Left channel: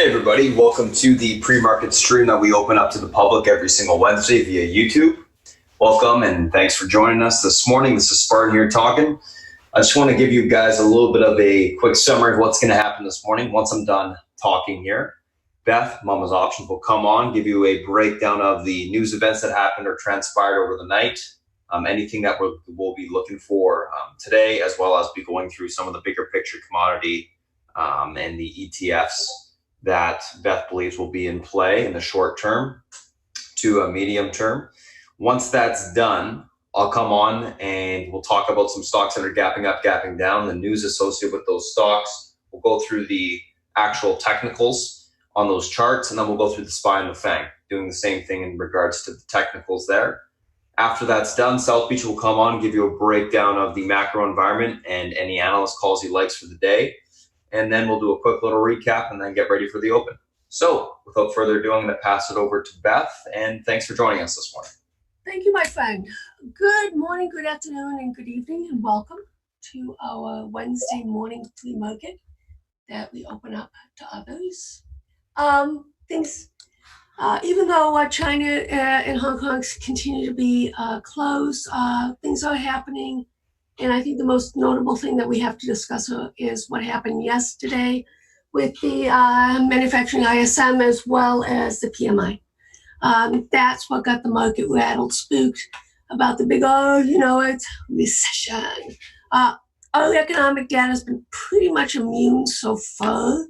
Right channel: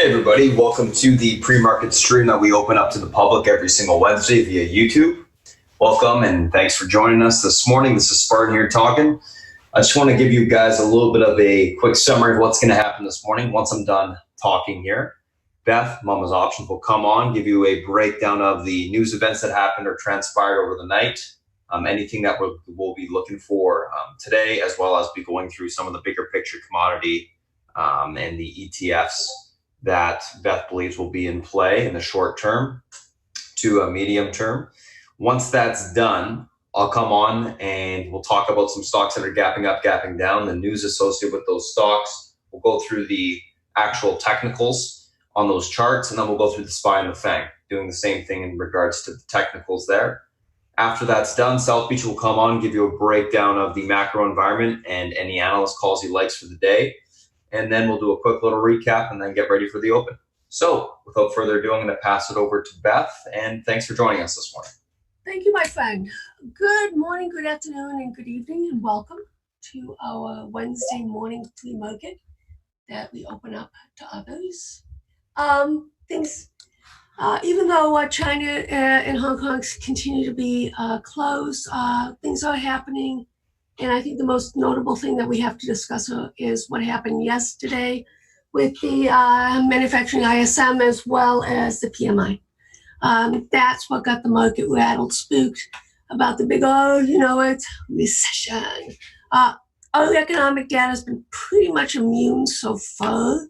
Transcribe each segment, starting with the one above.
Hey everybody, welcome to the pre-market stream that we open up to the public every single Wednesday via YouTube. Welcome and thanks for joining us this morning. This is Spartan here talking. I just want to give you guys a little bit of a quick summary of what's going to happen this morning once I'm done talking here. Beth, Mama's Options, will come on, give you a breakdown of the news events that happened or transpired over the night, anything that we'll be looking for today, as well as be going through some of the bigger picture commodity and the ETFs that Beth believes will be in play in the short term to a medium term. Once that's done, I'll come on and we'll talk about some stocks that are gapping up, gapping down, the news associated with those stocks. We'll go through the actual technicals on those charts, and then we'll go through the SPY and the FANG, doing the same thing in regards to the technicals there. After that's done, South Beach will come on, give you a breakdown of the macro environment and any analyst calls he likes for the day. And then we'll do a quick little recap and then get ready for the open. So without further ado, I'm going to pass it over to Beth, and thanks for joining us this morning. Thank you, my friend. Good morning, good afternoon, and good evening, and welcome to our Wednesday morning flea market that we open up to others. Even though China and Hong Kong continue to be closed, things are happening. And I think the most notable thing that we have to discuss is what happened yesterday with the manufacturing ISM as well as the PMI. That's what got the market rattled, spooked about the big, it's recession. Our economic data has been pretty much immune so far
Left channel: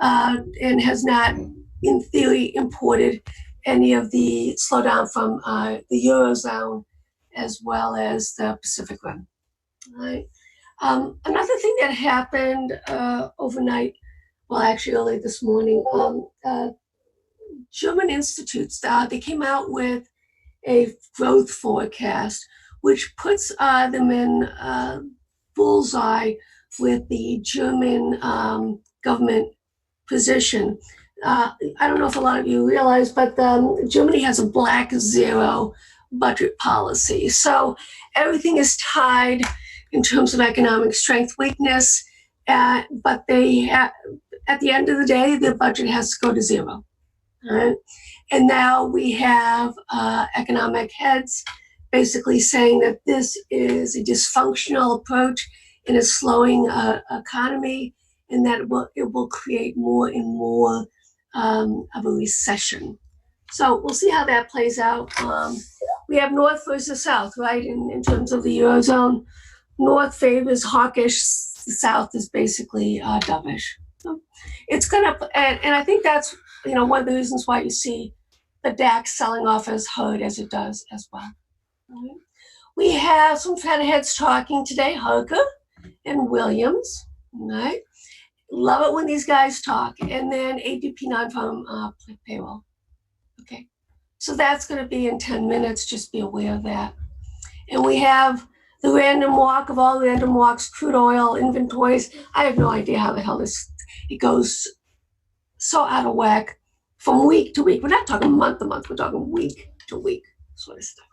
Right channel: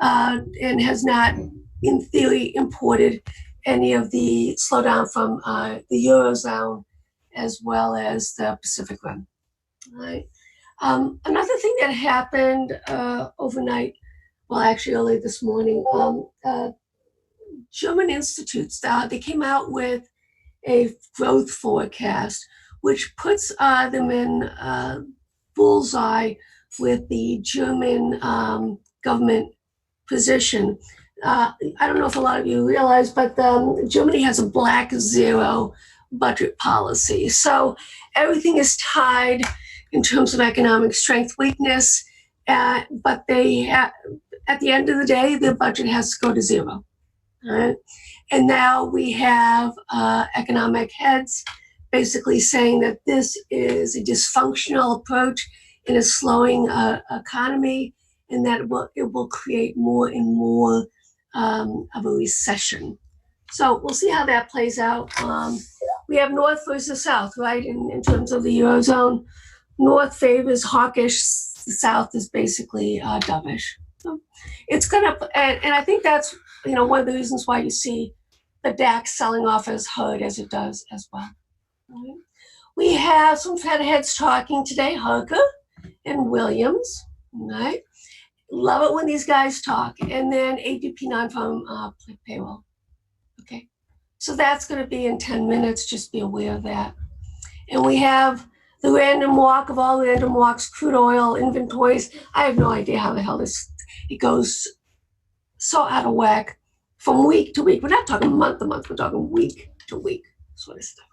and has not, in theory, imported any of the slowdown from the Eurozone as well as the Pacific Rim. Right. Another thing that happened overnight, well, actually early this morning, German institutes, they came out with a growth forecast, which puts them in bullseye with the German government position. I don't know if a lot of you realize, but Germany has a black zero budget policy. So everything is tied in terms of economic strength, weakness, but at the end of the day, the budget has to go to zero. Right? And now we have economic heads basically saying that this is a dysfunctional approach in a slowing economy, and that it will create more and more of a recession. So we'll see how that plays out. We have North versus South, right, in terms of the Eurozone. North favors hawkish, the South is basically dovish. So it's gonna, and I think that's one of the reasons why you see the DAX selling off as hard as it does as well. Right? We have some Fed heads talking today, Harker and Williams. Right? Love it when these guys talk. And then ADP non-farm payroll. Okay, so that's going to be in 10 minutes. Just be aware of that. And we have the random walk of all random walks, crude oil inventories. I have no idea how the hell it goes so out of whack from week to week. We're not talking month to month, we're talking week to week sort of stuff.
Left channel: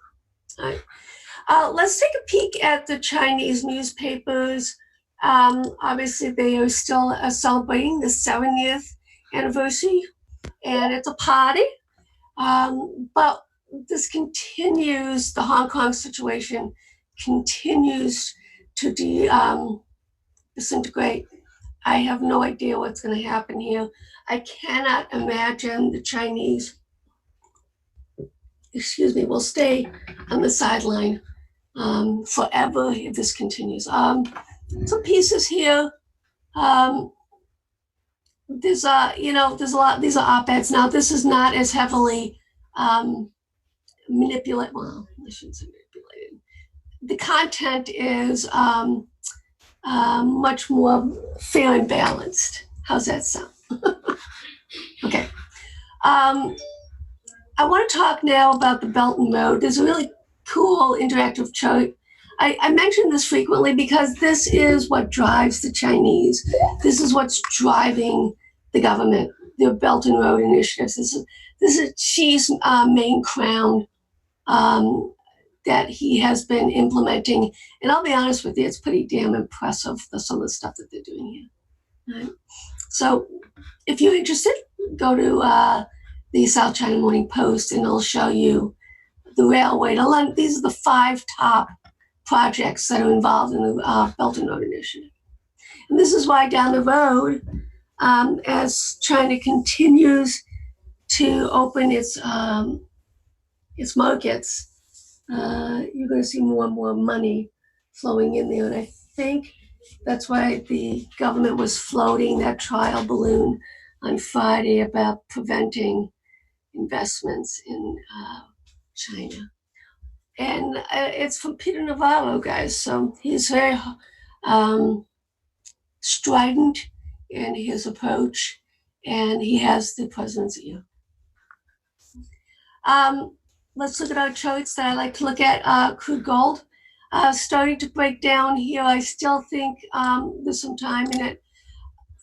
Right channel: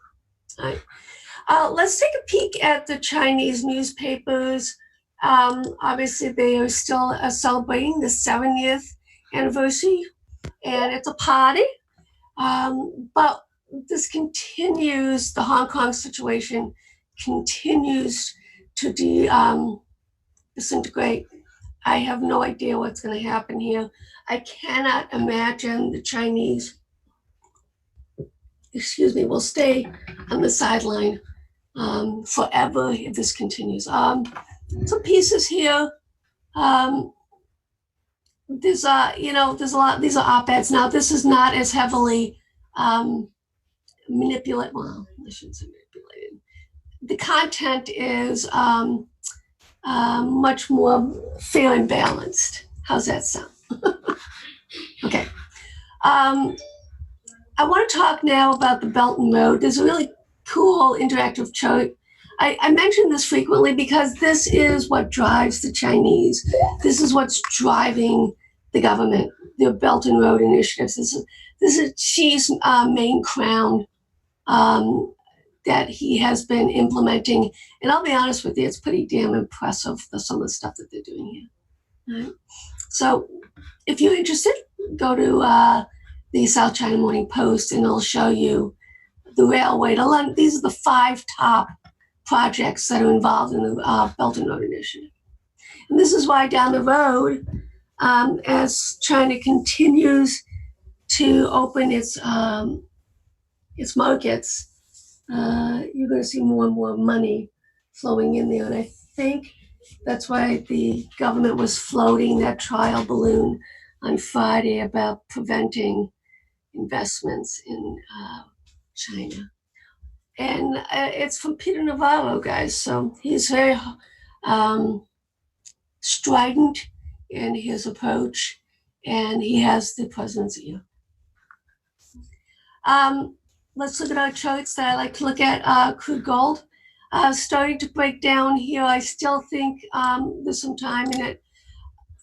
All right. Let's take a peek at the Chinese newspapers. Obviously, they are still celebrating the 70th anniversary, and it's a party. But this continues, the Hong Kong situation continues to disintegrate. I have no idea what's going to happen here. I cannot imagine the Chinese, will stay on the sideline forever if this continues. Some pieces here. There's a lot. These are op-eds. Now, this is not as heavily manipulated. Well, I shouldn't say manipulated. The content is much more fair and balanced. How's that sound? Okay. I want to talk now about the Belt and Road. There's a really cool interactive chart. I mention this frequently because this is what drives the Chinese. This is what's driving the government, their Belt and Road initiatives. This is Xi's main crown that he has been implementing. And I'll be honest with you, it's pretty damn impressive, some of the stuff that they're doing here. Right? So if you're interested, go to the South China Morning Post and it'll show you the railway to London. These are the 5 top projects that are involved in the Belt and Road Initiative. And this is why down the road, as China continues to open its markets, you're going to see more and more money flowing in there. And I think that's why the government was floating that trial balloon on Friday about preventing investments in China. And it's from Peter Navarro, guys. So he's very strident in his approach, and he has the president's ear. Let's look at our charts that I like to look at. Crude gold starting to break down here. I still think there's some time in it.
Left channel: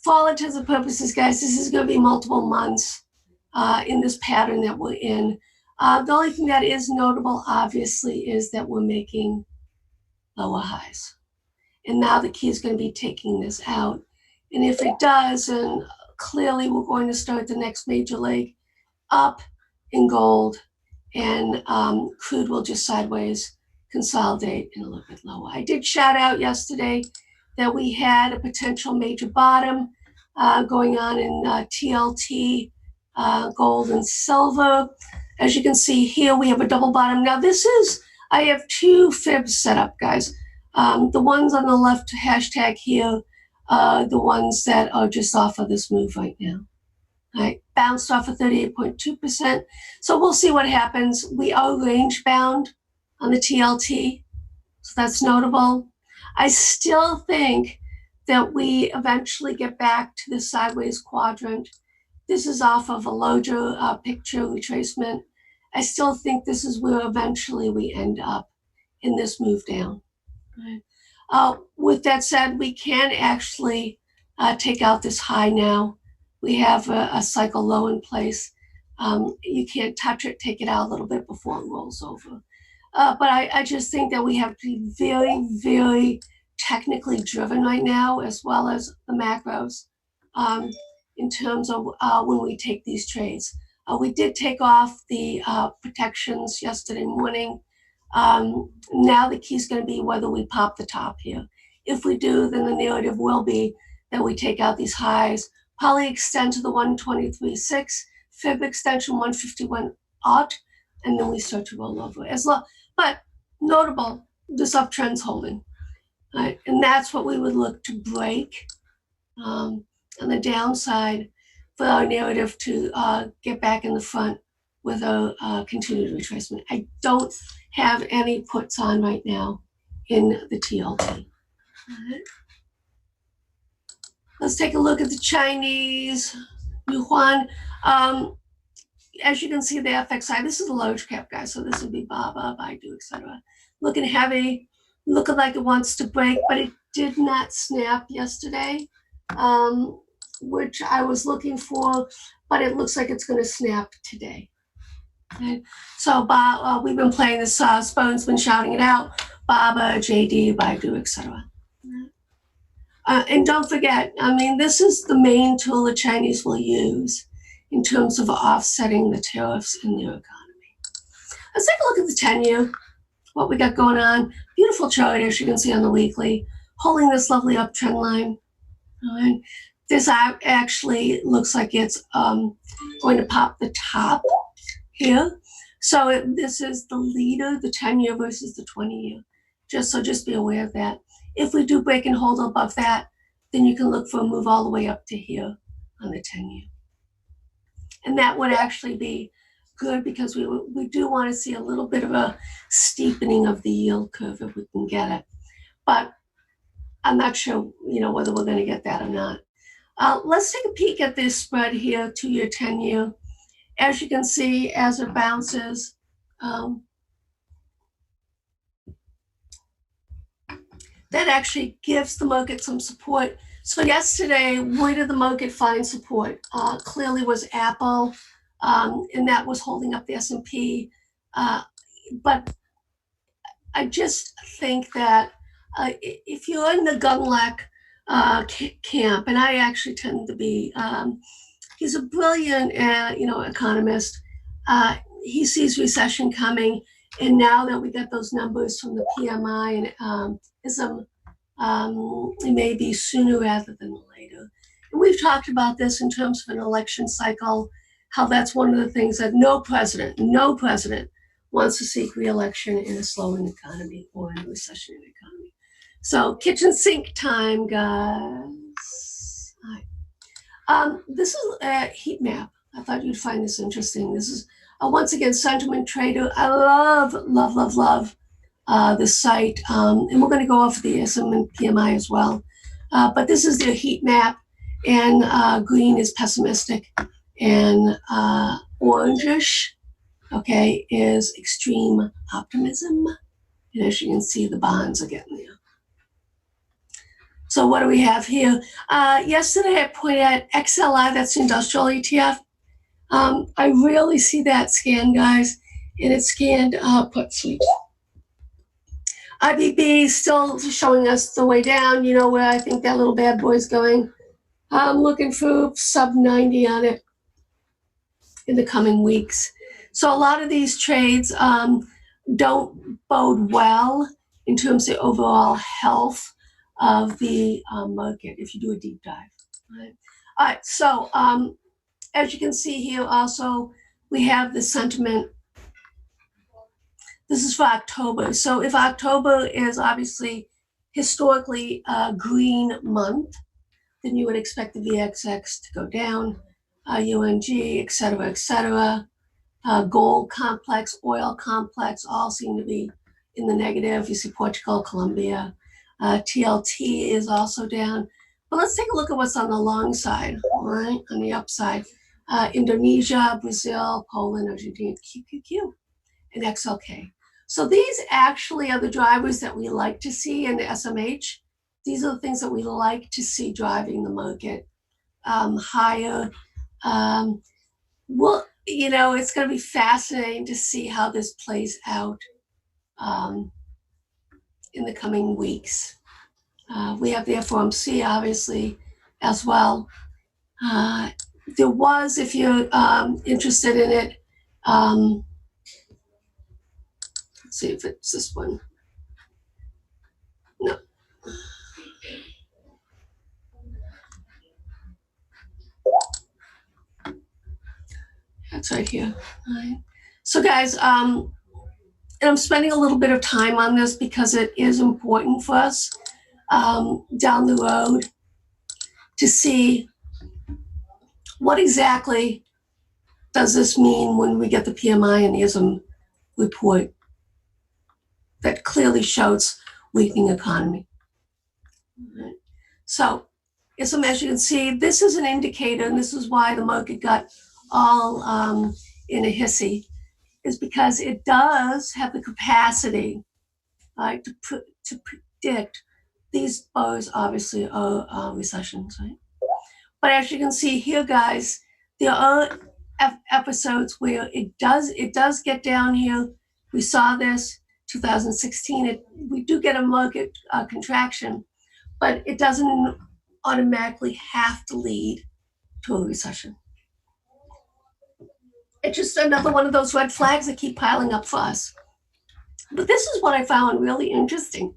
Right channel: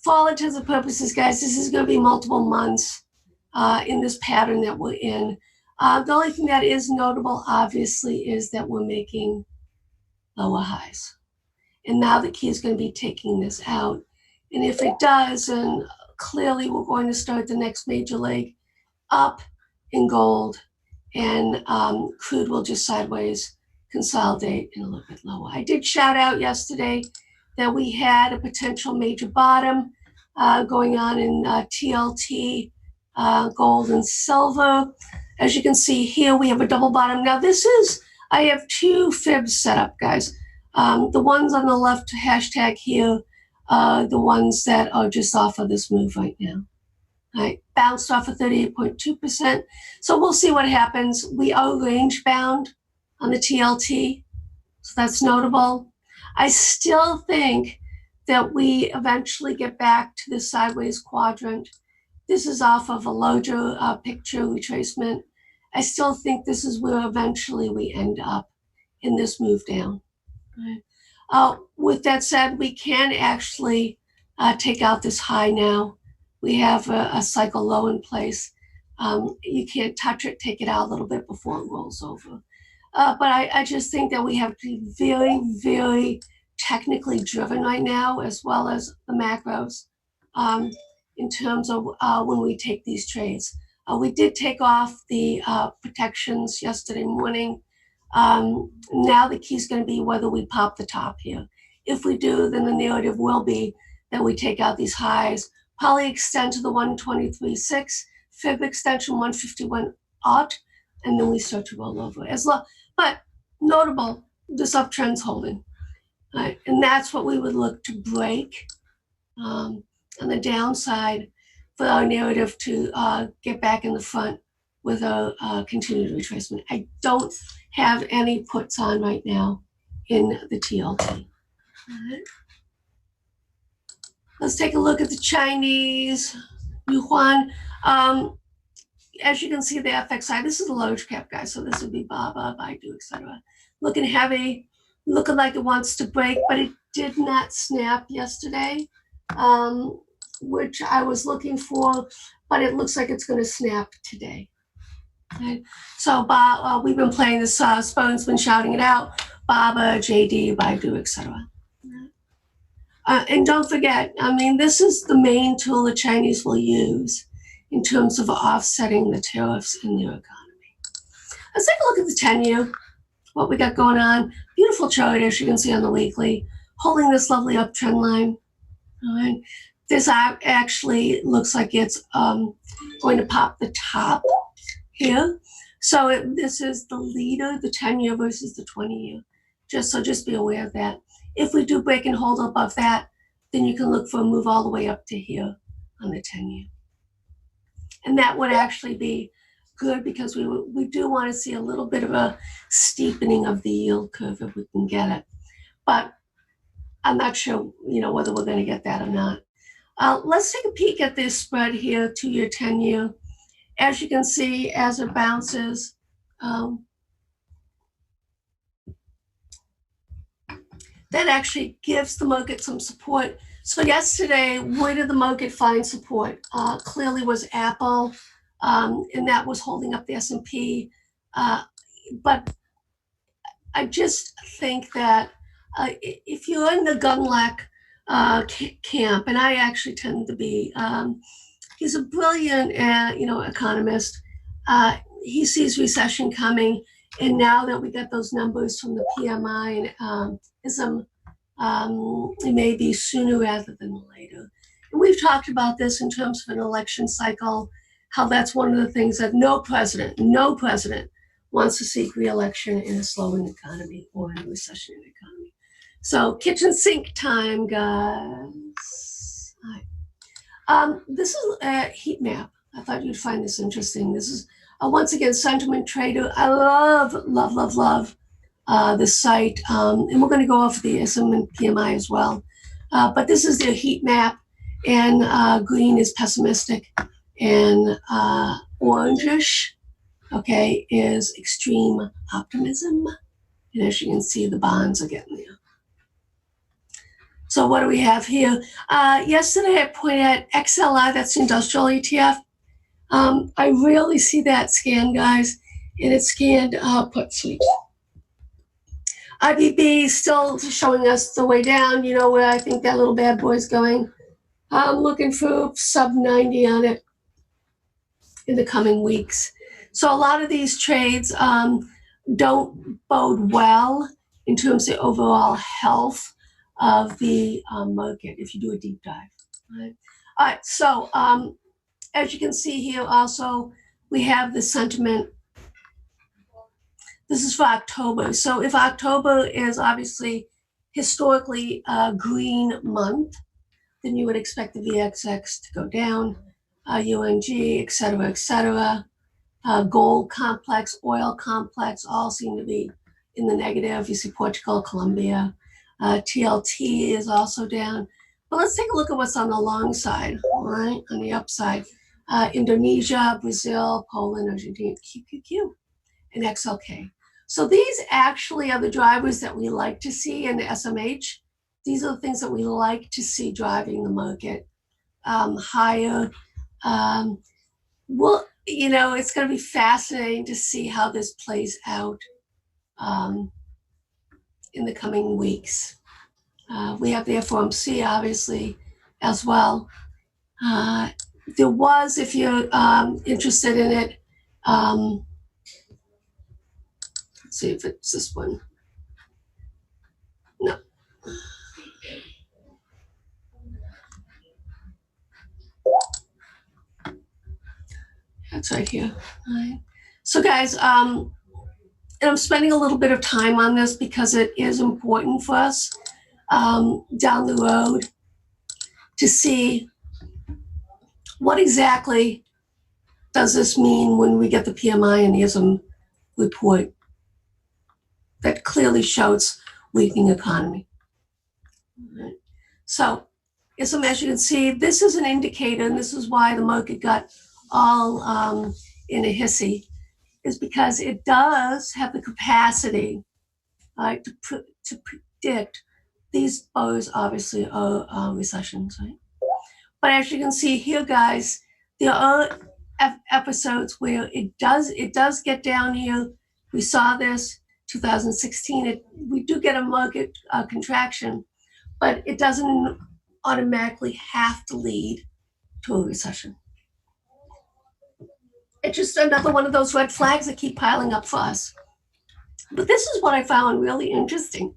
For all intents and purposes, guys, this is going to be multiple months in this pattern that we're in. The only thing that is notable, obviously, is that we're making lower highs. And now the key is going to be taking this out. And if it does, then clearly we're going to start the next major leg up in gold, and crude will just sideways consolidate and a little bit lower. I did shout out yesterday that we had a potential major bottom going on in TLT, gold and silver. As you can see here, we have a double bottom. Now I have 2 fibs set up, guys. The ones on the left hashtag here are the ones that are just off of this move right now. All right, bounced off of 38.2%. So we'll see what happens. We are range bound on the TLT, so that's notable. I still think that we eventually get back to the sideways quadrant. This is off of a larger picture retracement. I still think this is where eventually we end up in this move down. Right. With that said, we can actually take out this high now. We have a cycle low in place. You can't touch it, take it out a little bit before it rolls over. But I just think that we have to be very, very technically driven right now, as well as the macros, in terms of when we take these trades. We did take off the protections yesterday morning. Now the key is going to be whether we pop the top here. If we do, then the narrative will be that we take out these highs, probably extend to the 123.6, fib extension 151 aught, and then we start to roll over. But notable, this uptrend's holding. Right? And that's what we would look to break on the downside for our narrative to get back in the front with a continued retracement. I don't have any puts on right now in the TLT. Right. Let's take a look at the Chinese yuan. As you can see, the FXI, this is a large cap, guys, so this would be BABA, Baidu, etc. Looking heavy, looking like it wants to break, but it did not snap yesterday, which I was looking for, but it looks like it's going to snap today. Okay. So we've been playing this, Spone's been shouting it out, BABA, JD, Baidu, etc. And don't forget, I mean, this is the main tool the Chinese will use in terms of offsetting the tariffs in their economy. Let's take a look at the 10-year, what we got going on. Beautiful chart, as you can see on the weekly, holding this lovely uptrend line. All right. This actually looks like it's going to pop the top here. So this is the leader, the 10-year versus the 20-year. Just be aware of that. If we do break and hold above that, then you can look for a move all the way up to here on the 10-year. And that would actually be good because we do want to see a little bit of a steepening of the yield curve if we can get it. But I'm not sure, whether we're going to get that or not. Let's take a peek at this spread here, 2-year, 10-year. As you can see, as it bounces, that actually gives the market some support. So yesterday, where did the market find support? Clearly was Apple, and that was holding up the S&P. But I just think that if you're in the gun luck camp, and I actually tend to be. He's a brilliant, economist. He sees recession coming, and now that we got those numbers from the PMI and ISM, it may be sooner rather than later. And we've talked about this in terms of an election cycle, how that's one of the things that no president wants to seek re-election in a slowing economy or in a recession in the economy. So kitchen sink time, guys. All right. This is a heat map. I thought you'd find this interesting. This is, once again, Sentiment Trader. I love this site. And we're going to go off the ISM and PMI as well. But this is their heat map. And green is pessimistic. And orangish, okay, is extreme optimism. And as you can see, the bonds are getting there. So what do we have here? Yesterday I pointed out XLI, that's industrial ETF. I rarely see that scan, guys, and it scanned put sweeps. IBB still showing us the way down, you know, where I think that little bad boy's going. I'm looking for sub 90 on it in the coming weeks. So a lot of these trades don't bode well in terms of the overall health of the market if you do a deep dive. Right? All right, so as you can see here also, we have the sentiment. This is for October. So if October is obviously historically a green month, then you would expect the VXX to go down, UNG, et cetera, gold complex, oil complex, all seem to be in the negative. You see Portugal, Colombia. TLT is also down. But let's take a look at what's on the long side, all right, on the upside. Indonesia, Brazil, Poland, Argentina, QQQ, and XLK. So these actually are the drivers that we like to see in the SMH. These are the things that we like to see driving the market higher. Well, you know, it's going to be fascinating to see how this plays out in the coming weeks. We have the FOMC, obviously, as well. There was, if you're interested in it, let's see if it's this one. No. That's right here. All right. So guys, and I'm spending a little bit of time on this because it is important for us down the road to see what exactly does this mean when we get the PMI and the ISM report that clearly shows weakening economy. Right. So ISM, as you can see, this is an indicator, and this is why the market got all in a hissy, is because it does have the capacity, right, to predict these bars obviously are recessions, right? But as you can see here, guys, there are episodes where it does get down here. We saw this 2016. We do get a market contraction, but it doesn't automatically have to lead to a recession. It's just another one of those red flags that keep piling up for us. But this is what I found really interesting.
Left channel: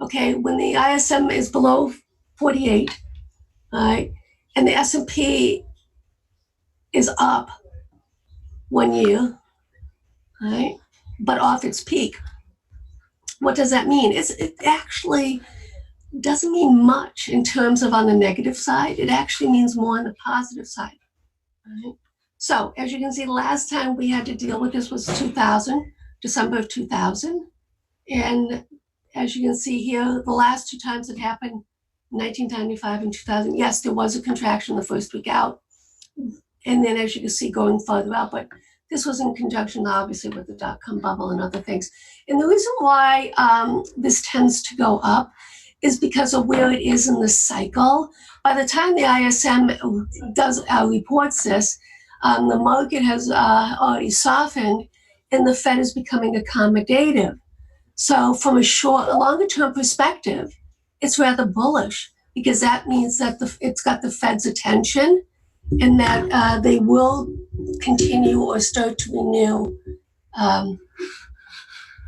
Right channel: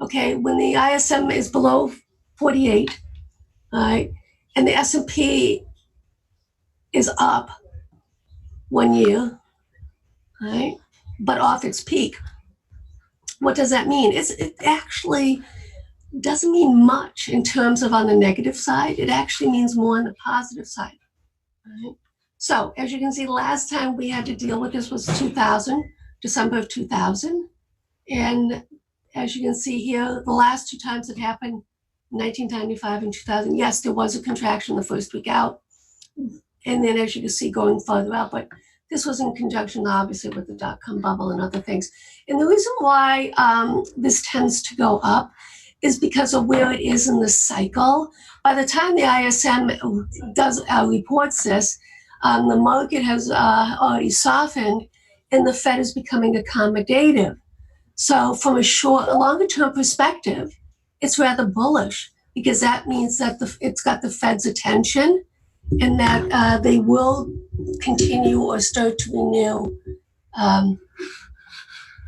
Okay, when the ISM is below 48, right, and the S&P is up 1 year, right, but off its peak, what does that mean? It actually doesn't mean much in terms of on the negative side. It actually means more on the positive side, right? So as you can see, the last time we had to deal with this was 2000, December of 2000. And as you can see here, the last two times it happened, 1995 and 2000, yes, there was a contraction the first week out. And then as you can see, going further out, but this was in conjunction, obviously, with the dot-com bubble and other things. And the reason why this tends to go up is because of where it is in the cycle. By the time the ISM reports this, the market has already softened, and the Fed is becoming accommodative. So from a longer term perspective, it's rather bullish. because that means that it's got the Fed's attention and that they will continue or start to renew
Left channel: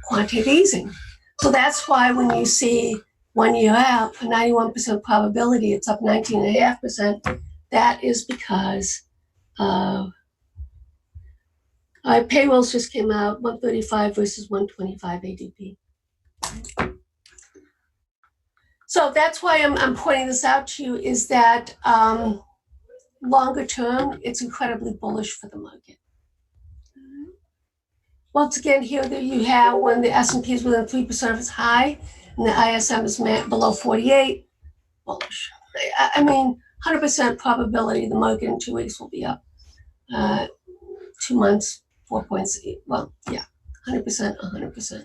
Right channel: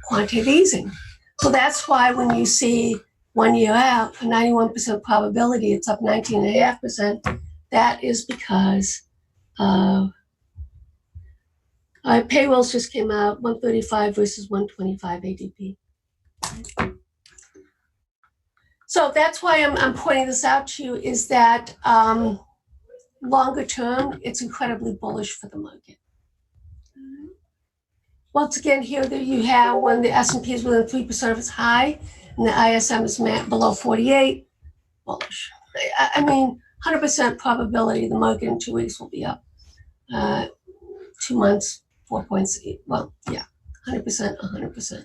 quantitative easing. So that's why when you see 1 year out, a 91% probability, it's up 19.5%. That is because payrolls just came out, 135 versus 125 ADP. So that's why I'm pointing this out to you, is that longer term, it's incredibly bullish for the market. Once again, here that you have when the S&P is within 3% of its high and the ISM is below 48, bullish. I mean, 100% probability the market in 2 weeks will be up. 2 months, 4 points. Well, yeah, 100%, 100%.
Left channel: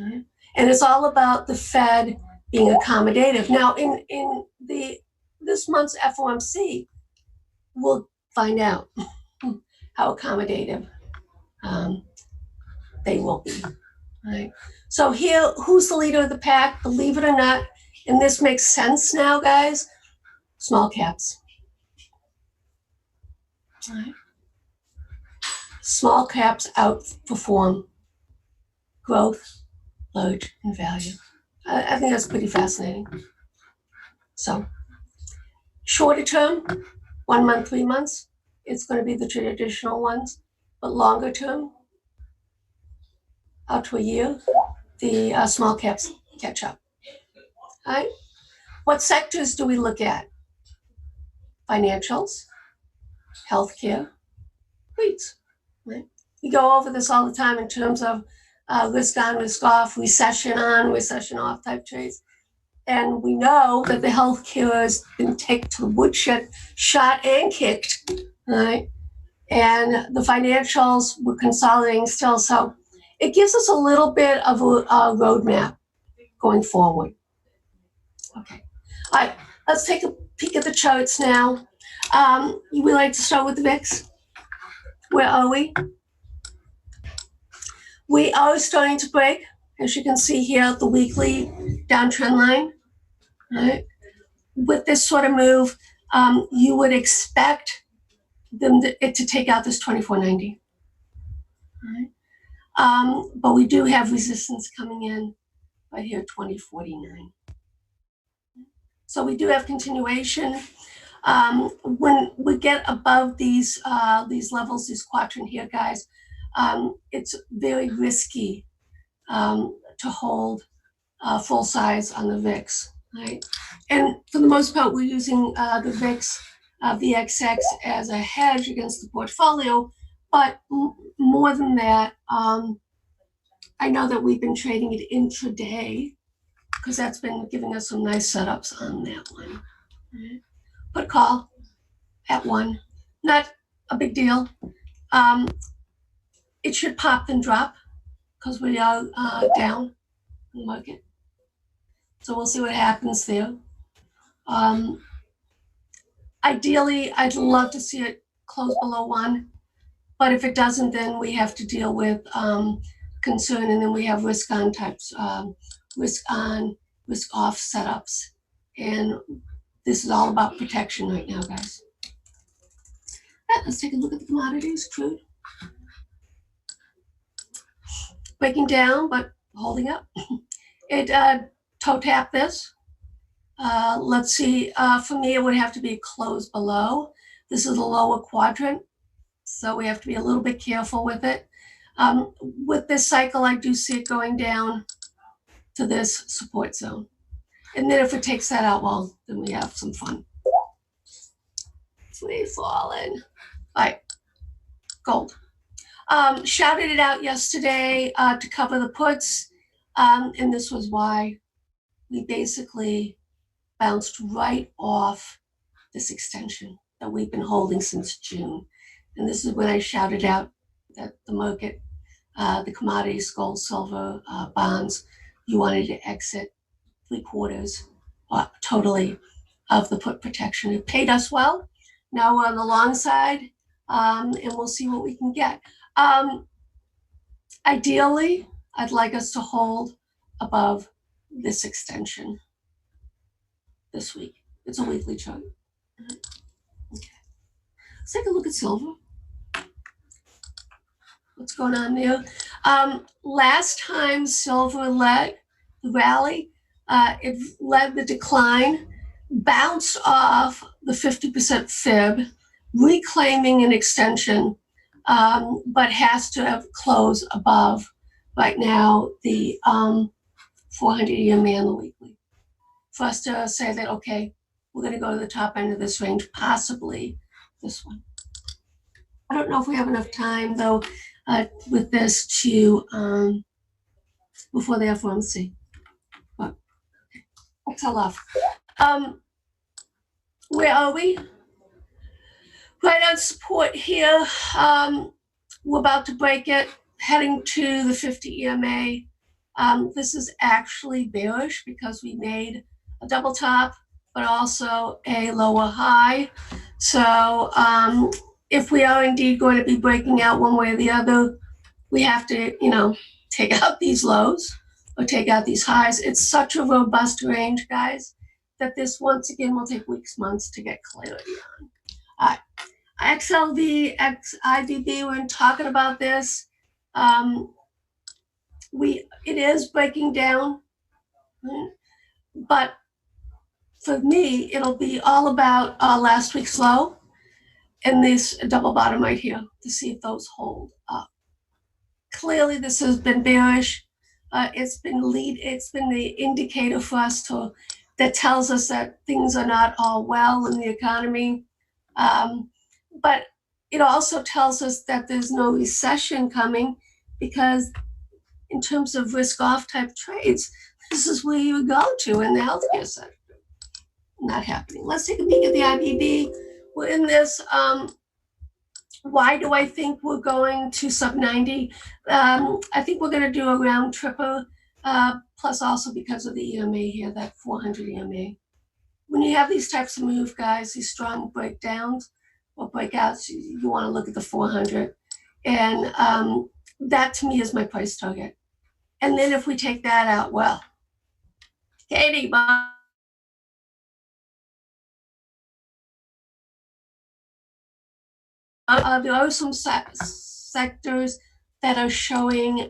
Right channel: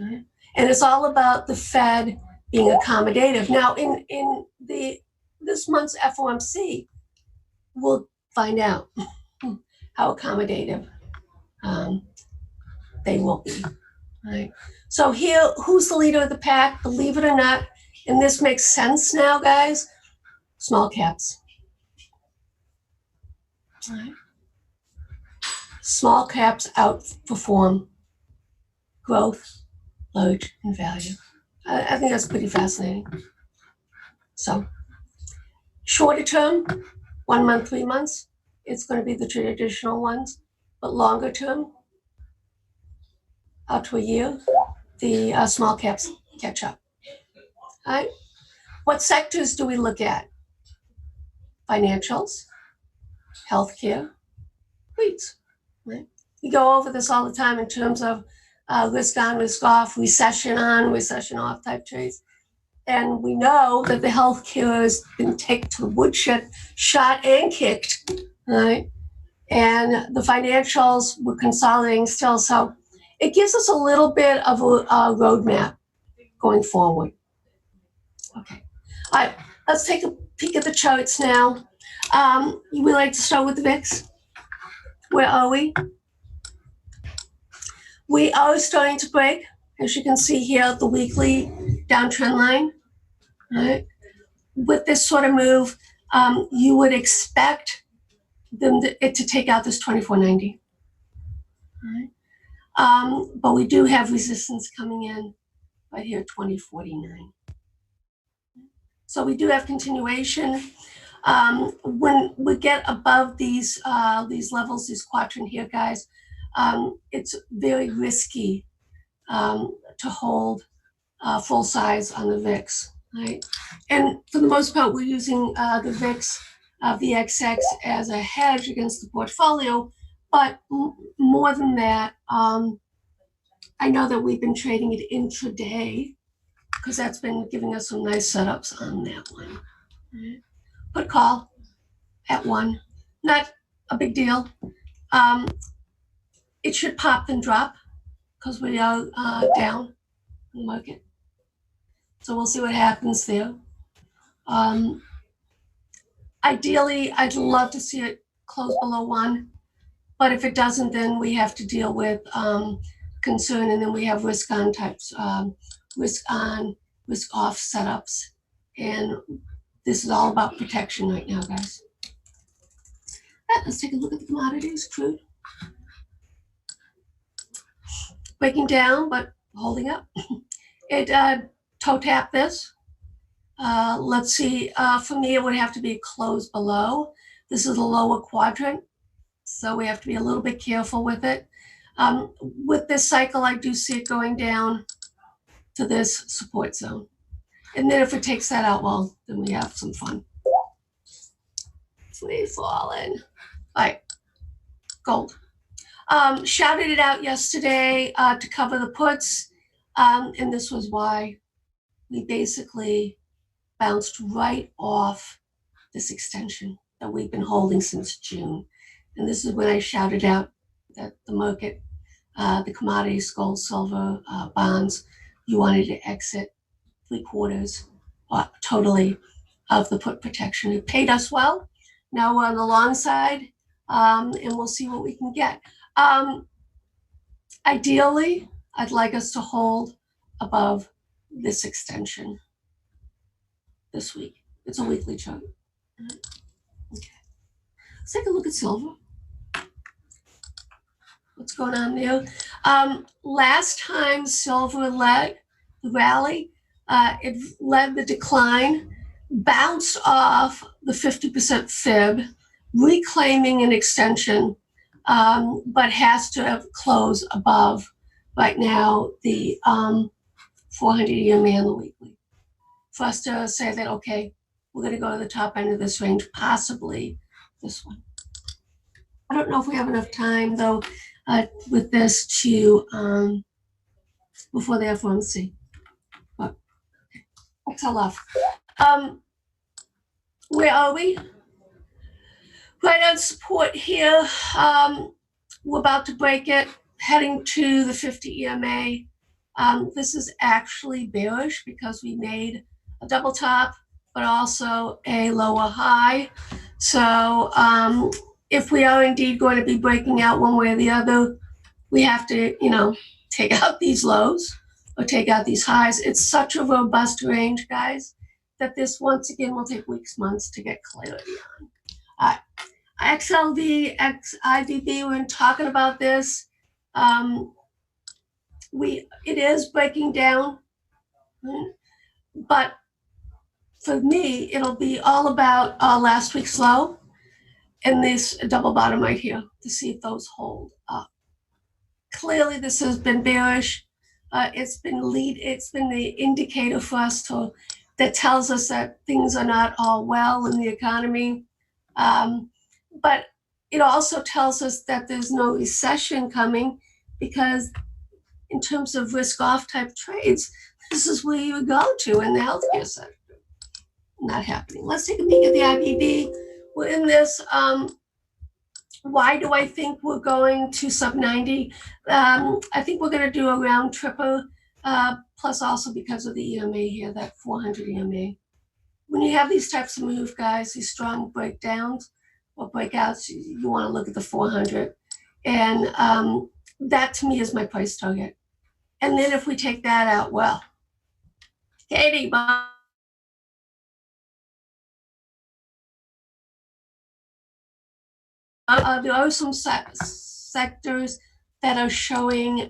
Right? And it's all about the Fed being accommodative. Now, in this month's FOMC, we'll find out how accommodative they will be. Right? So here, who's the leader of the pack? Believe it or not, and this makes sense now, guys, small caps. Right? Small caps outperform growth, large, and value. I think that's pretty fascinating. So, shorter term, 1 month, 3 months, it's going to be the traditional ones. But longer term, out to a year, the small caps catch up. All right? What sectors do we look at? Financials, healthcare, REITs. Right? We go over this all the time in terms of risk on, risk off, recession on, recession off type trades. And we know that the healthcare has been taken to the woodshed, shot and kicked, right? And the financials were consolidating still. So it gives us a little bit of a roadmap going forward. Okay. All right, let's take a peek at the charts now. We like to start with the VIX. Where are we? We are starting to break, as you can see here, the weekly downtrend line. Right? With this sort of move, you would expect it to take out this 2490. Right? But we do have resistance coming in right here, 2049. So we do have continuation. When we get above these levels, this quadrant here, guys, it's very risky to hold full size on the VIX, right? And for the most part, we're using the VIX, VXX as a hedge against the portfolio. But more than that, I know that we've been trading it intraday because that's been giving us some nice setups on that one. Right? Put call at 1, not a big deal. It should pop and drop because we are down in the market. So we'll see what happens there. Ideally, I'd love to see it close below 1, but if it doesn't, then we have to deal with concern, and then we have risk on types, risk on, risk off setups, and this is all about protection right now, guys. Let's take a look at the commodities. Crude breaking down, but holding up. It toe tapped this. Let's see, for me, it would have to be closed below. This is the lower quadrant, so we have to be a little bit careful with it. With this cycle, I do see it going down to this support zone. And then if it takes that out, well, then we have some fun. Free falling. All right, gold. Shouted it out yesterday to cover the puts, and this was why we basically bounced right off this extension that we've been holding since June. And this is when I shouted out that the market, the commodities, gold, silver, bonds, you wanted to exit 3/4 totally of the put protection. It paid us well. Now we're on the long side, and we'll see what we can get. Ideally, I'd like us to hold above this extension. this week. It's a weekly chart. Okay. Let's take a look at silver. What's going on there? Last time silver led the rally, it led the decline, bounced off the 50% fib, reclaiming an extension, but has to have closed above right now the 400-year man the weekly for us to say that, okay, we're going to go to the top end of this range, possibly this one. I don't know if we have enough time though with this to before the FOMC. But XLF. Where are we? Right on support here. We're about to break it, heading to the 50 EMA. This is actually bearish because we made a double top, but also a lower high. So if we are indeed going to be breaking out one way or the other, we have to, take out these lows or take out these highs. It's such a robust range, guys, that this once again will take weeks, months to get clarity on. XLV, XIVB, we're talking about this. It is breaking down, but for me, it'll be all about last week's low and this double bottom right here to see if those hold up. Clearly, this has been bearish. It's been the indicator for us that tells us that things are not all well in the economy. But it also tells us that there's no recession coming because in terms of risk-off type trades, this is where you would go to in the healthcare sector. Not happening. Let's take a peek at the IBB. We're in this. Why do I think we're going to sub 90? I think we're going to do a round tripper, plus also because of the EMA here, that 400 EMA. When you have these types of move, guys, these strong breakdowns or breakouts, you want to look at the 400. And that to me is my price target. And then if we take that out, well, Katie, there are some sectors that are showing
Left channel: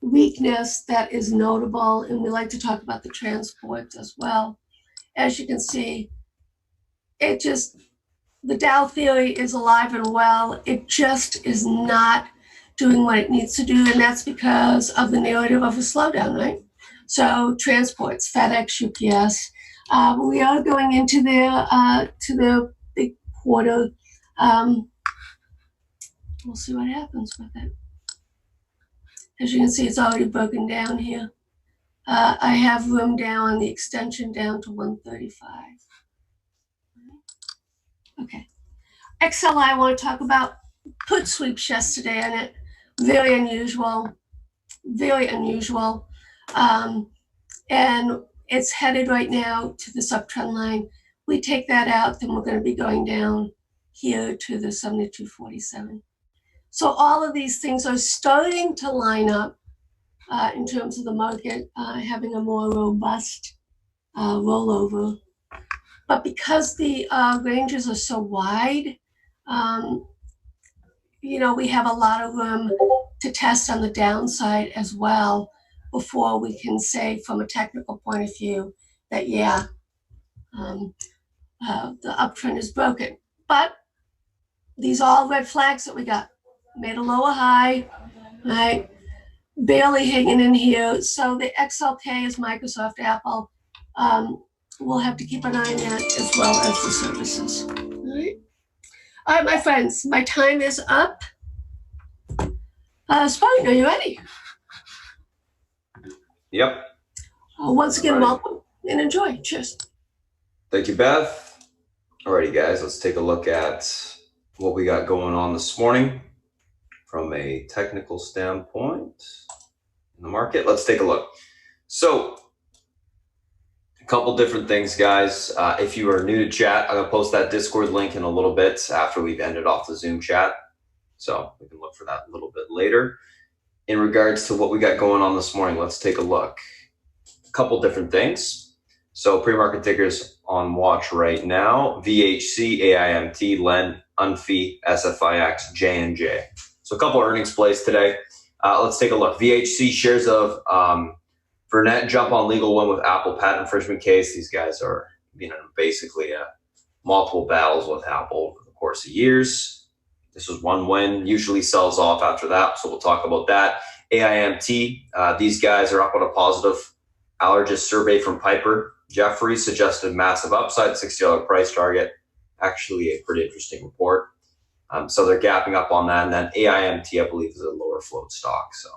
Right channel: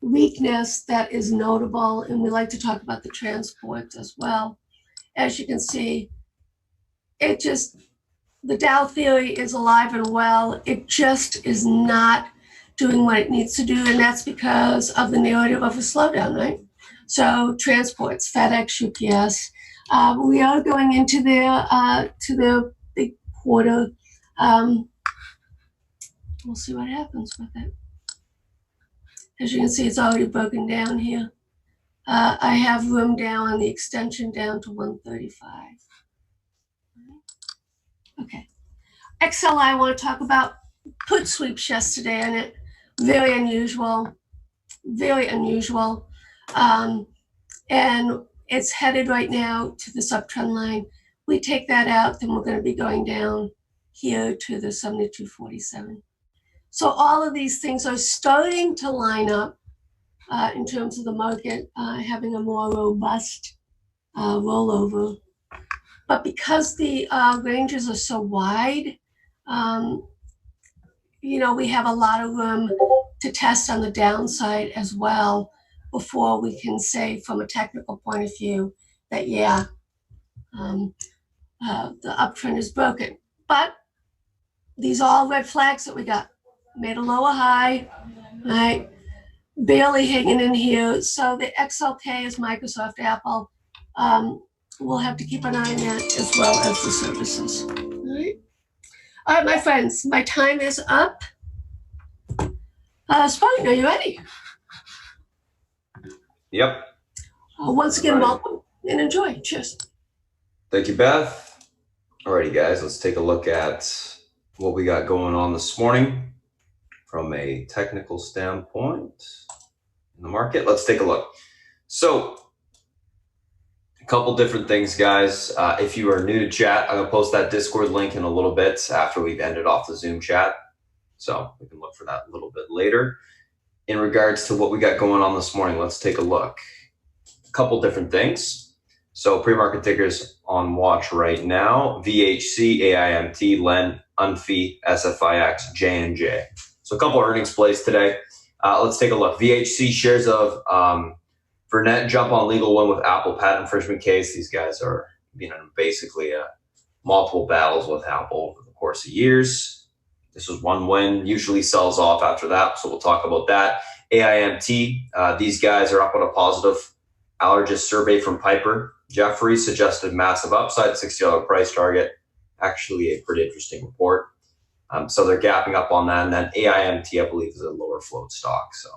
weakness that is notable, and we like to talk about the transport as well. As you can see, the Dow theory is alive and well. It just is not doing what it needs to do, and that's because of the narrative of a slowdown, right? So transports, FedEx, UPS, we are going into the big quarter. We'll see what happens with it. As you can see, it's already broken down here. I have room down on the extension down to 135. Okay. XLI, I want to talk about put sweeps yesterday in it. Very unusual. Very unusual. And it's headed right now to this uptrend line. We take that out, then we're going to be going down here to the 72.47. So all of these things are starting to line up in terms of the market having a more robust rollover. But because the ranges are so wide, we have a lot of room to test on the downside as well before we can say from a technical point of view that, the uptrend is broken. But these are all red flags that we got. Made a lower high, right? Barely hanging in here. So the XLK is Microsoft, Apple. We'll have to keep an eye on that as well as the services. All right, my friends, my time is up. Spartan, are you ready? Yep. Once again, welcome and enjoy. Cheers. Thank you, Beth. Alrighty, guys, let's take a look at what we got going on this morning from a technical standpoint in the market. Let's take a look. So, a couple different things, guys. If you are new to chat, I'm gonna post that Discord link in a little bit after we've ended off the Zoom chat. So we can look for that a little bit later. In regards to what we got going on this morning, let's take a look. A couple different things. So pre-market tickers on watch right now: VHC, AIMT, LEN, UNFI, SFIX, J&J. So a couple earnings plays today. Let's take a look. VHC shares of Vernet jump on legal win with Apple patent infringement case. These guys are basically multiple battles with Apple over the course of years. This was one win, usually sells off after that, so we'll talk about that. AIMT, these guys are up on a positive allergist survey from Piper. Jeffrey suggested massive upside, $60 price target. Actually a pretty interesting report. So they're gapping up on that. And then AIMT, I believe, is a lower float stock. So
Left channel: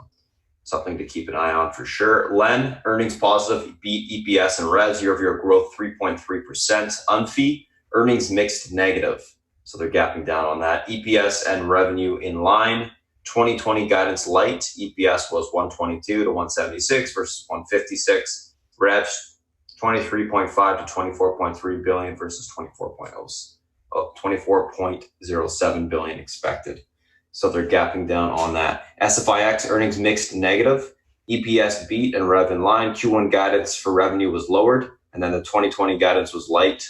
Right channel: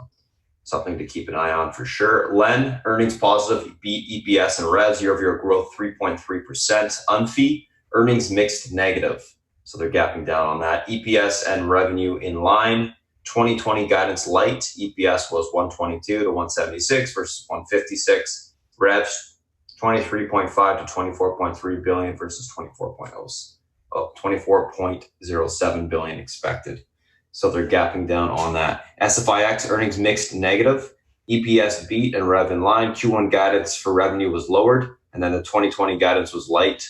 something to keep an eye on for sure. LEN, earnings positive, beat EPS and revs, year-over-year growth 3.3%. UNFI, earnings mixed negative. So they're gapping down on that. EPS and revenue in line. 2020 guidance light. EPS was 122 to 176 versus 156. Revs 23.5 to 24.3 billion versus 24.07 billion expected. So they're gapping down on that. SFIX earnings mixed negative. EPS beat and rev in line. Q1 guidance for revenue was lowered, and then the 2020 guidance was light,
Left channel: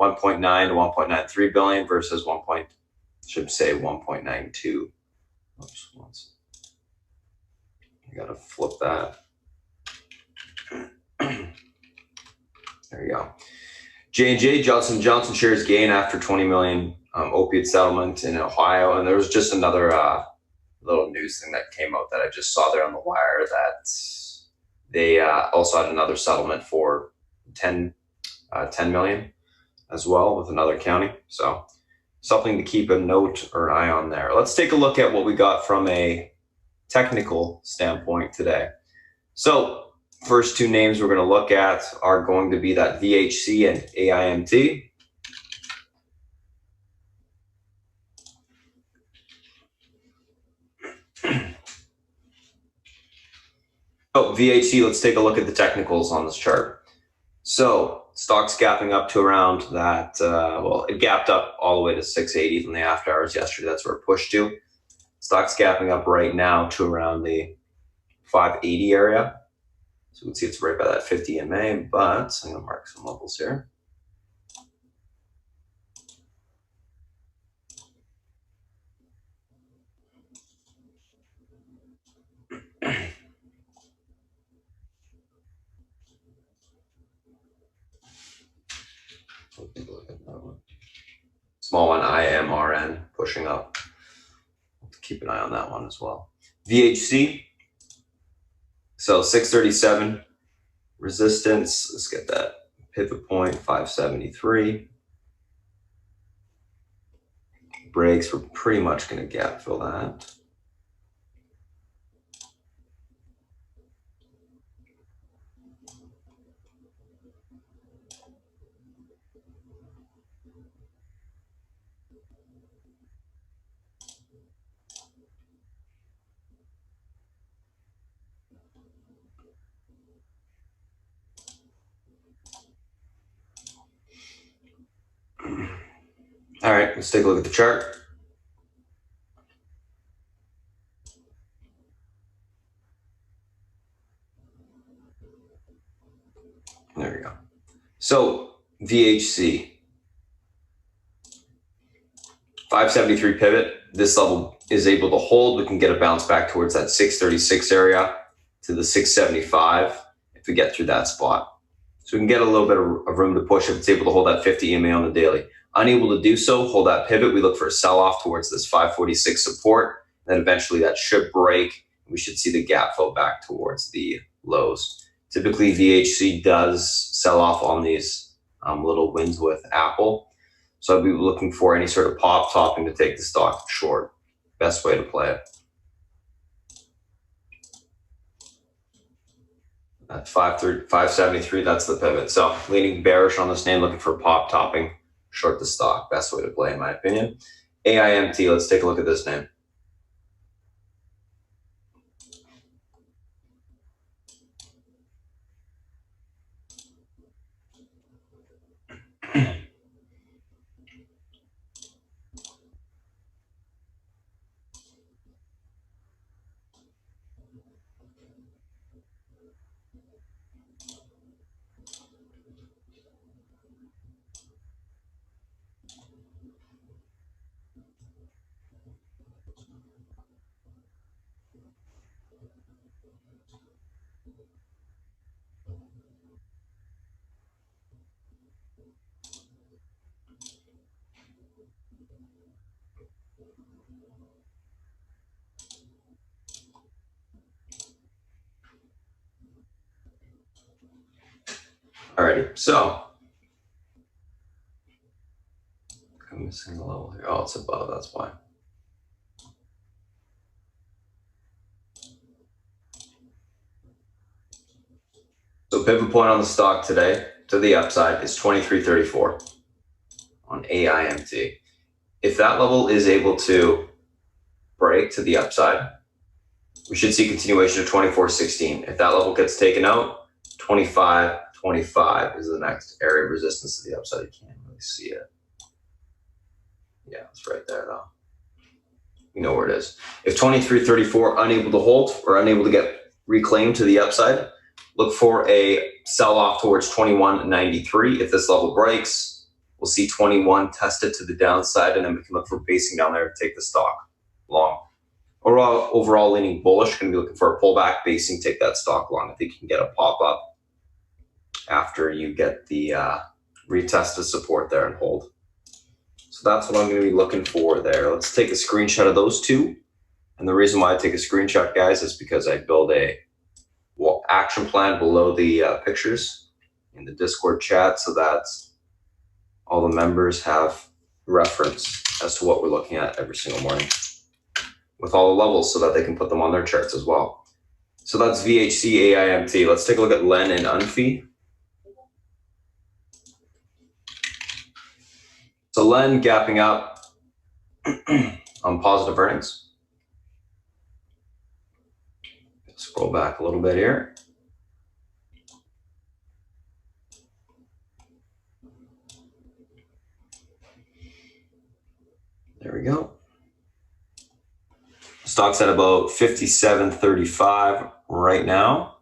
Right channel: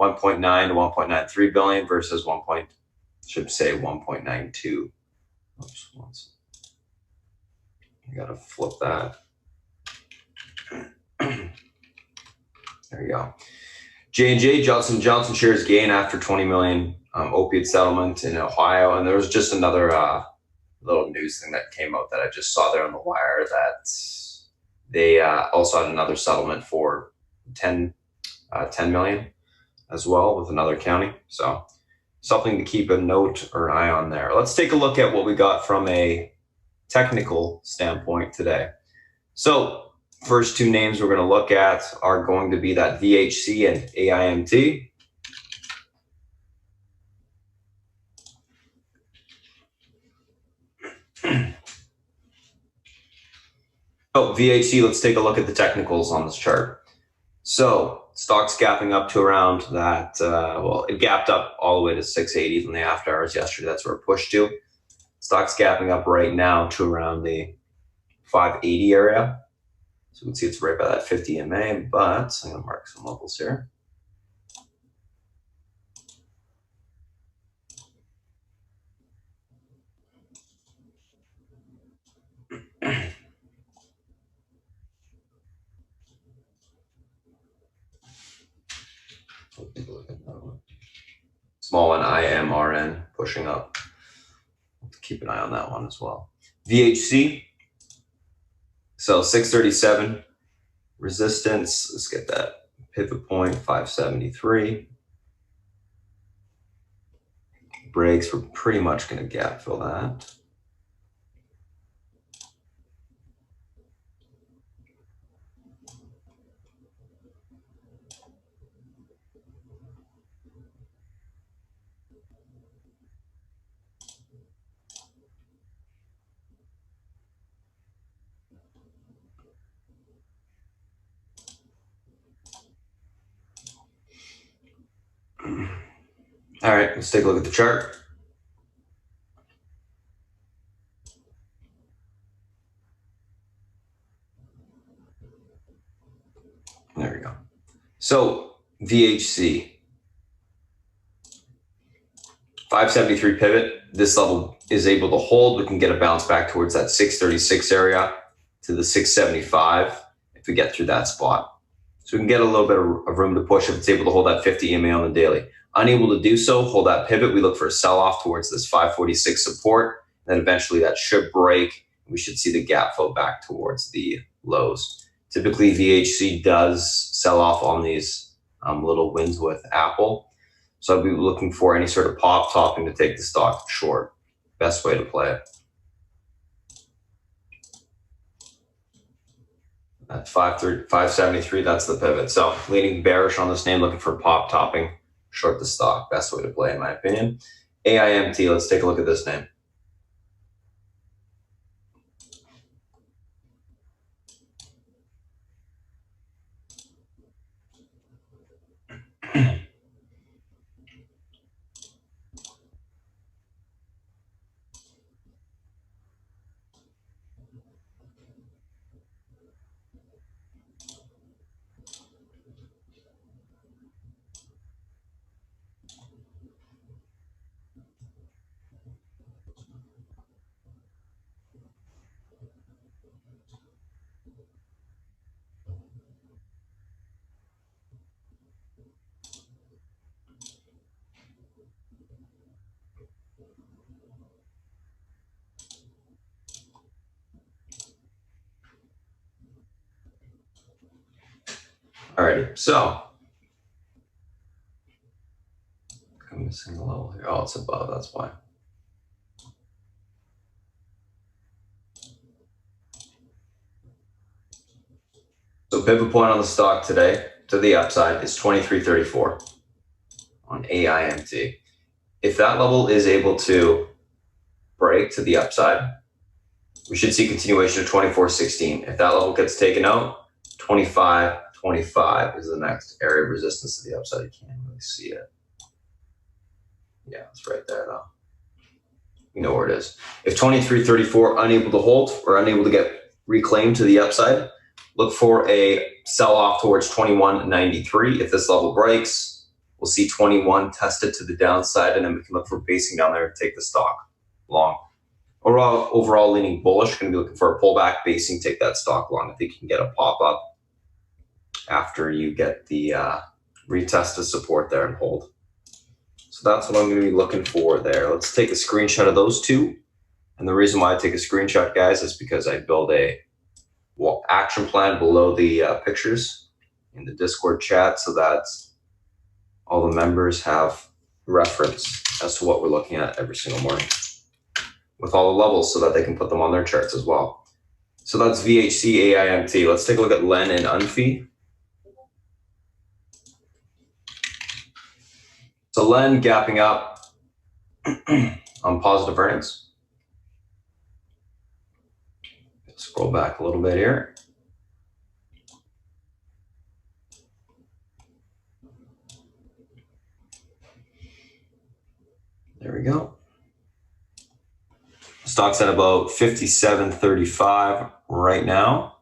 1.9 to 1.93 billion versus 1.92. Oops, once. I gotta flip that. There you go. J&J, Johnson & Johnson shares gain after 20 million opiate settlement in Ohio. And there was just another little news thing that came out that I just saw there on the wire that they also had another settlement for 10 million as well with another county. So something to keep a note or an eye on there. Let's take a look at what we got from a technical standpoint today. So first two names we're going to look at are going to be that VHC and AIMT. Oh, VHC, let's take a look at the technicals on this chart. So stock's gapping up to around that, it gapped up all the way to 680 in the after hours yesterday. That's where it pushed to. Stock's gapping up right now to around the 580 area. So you can see it's right by that 50 MA, but I'm going to mark some levels here. Small one, IMRN, pushing up. Keep an eye on that one as well. VHC, so 637 resistance. Let's get that pivot point, 573. Breaks, we're pretty much going to gap fill that. All right, let's take a look at the chart. There we go. So VHC, 573 pivot. This level is able to hold. We can get a bounce back towards that 636 area to the 675 if we get through that spot. So we can get a little bit of room to push if it's able to hold that 50 EMA on the daily. Unable to do so, hold that pivot. We look for a sell-off towards this 546 support. Then eventually that should break. We should see the gap fill back towards the lows. Typically, VHC does sell off on these little wins with Apple. So I'd be looking for any sort of pop topping to take the stock short. Best way to play it. At 573, that's the pivot. So leaning bearish on this name, looking for pop topping, short the stock. Best way to play, in my opinion. AIMT, let's take a look at this name. Alrighty, so I'm missing a level here. Oh, it's above, that's why. So pivot point on the stock today to the upside is 23.34 on AIMT. If that level is able to break to the upside, we should see continuation of 24.16. If that level gets taken out, 25.25 is the next area of resistance to the upside. You can't really see it. Yeah, it's right there though. You know where it is. If 23.34 unable to hold or unable to get reclaimed to the upside, look for a sell off towards 21.93. If this level breaks, we'll see 21 tested to the downside, and then we can look for basing down there to take the stock long. Overall leaning bullish, going to be looking for a pullback basing, take that stock long. I think you can get a pop up after you get the retest of support there and hold. So that's what I'm going to be looking for there. Let's take a screenshot of those two. And the reason why I take a screenshot, guys, is because I build a action plan below the pictures in the Discord chat so that all the members have reference as to what we're looking at every single morning with all the levels so that they can put them on their charts as well. So that's VHC AIMT. Let's take a look at LEN and UNFI. So LEN gapping up on positive earnings. Scroll back a little bit here. There we go. Stock's at about 57.35 right now.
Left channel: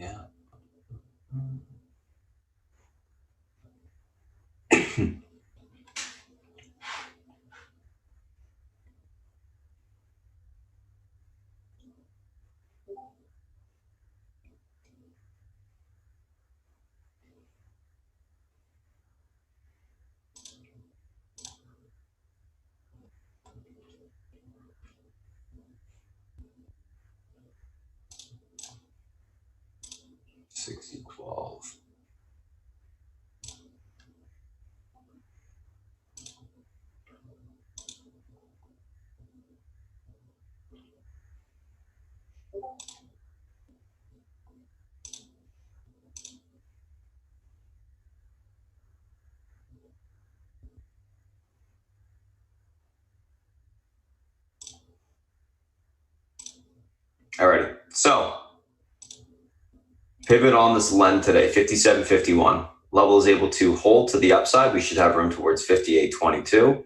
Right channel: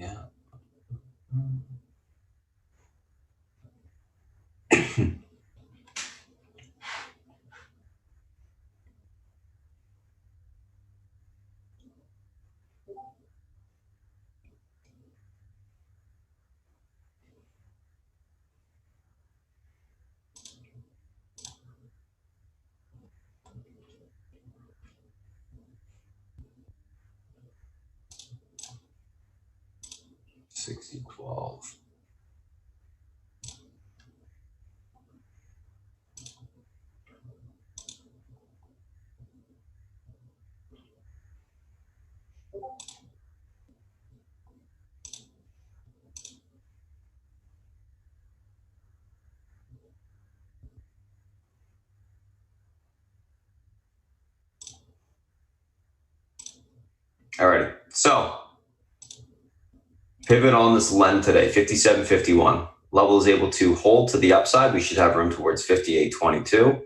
Yeah. $60.12. Alrighty, so pivot on this LEN today, 57.51. Level is able to hold to the upside. We should have room towards 58.22.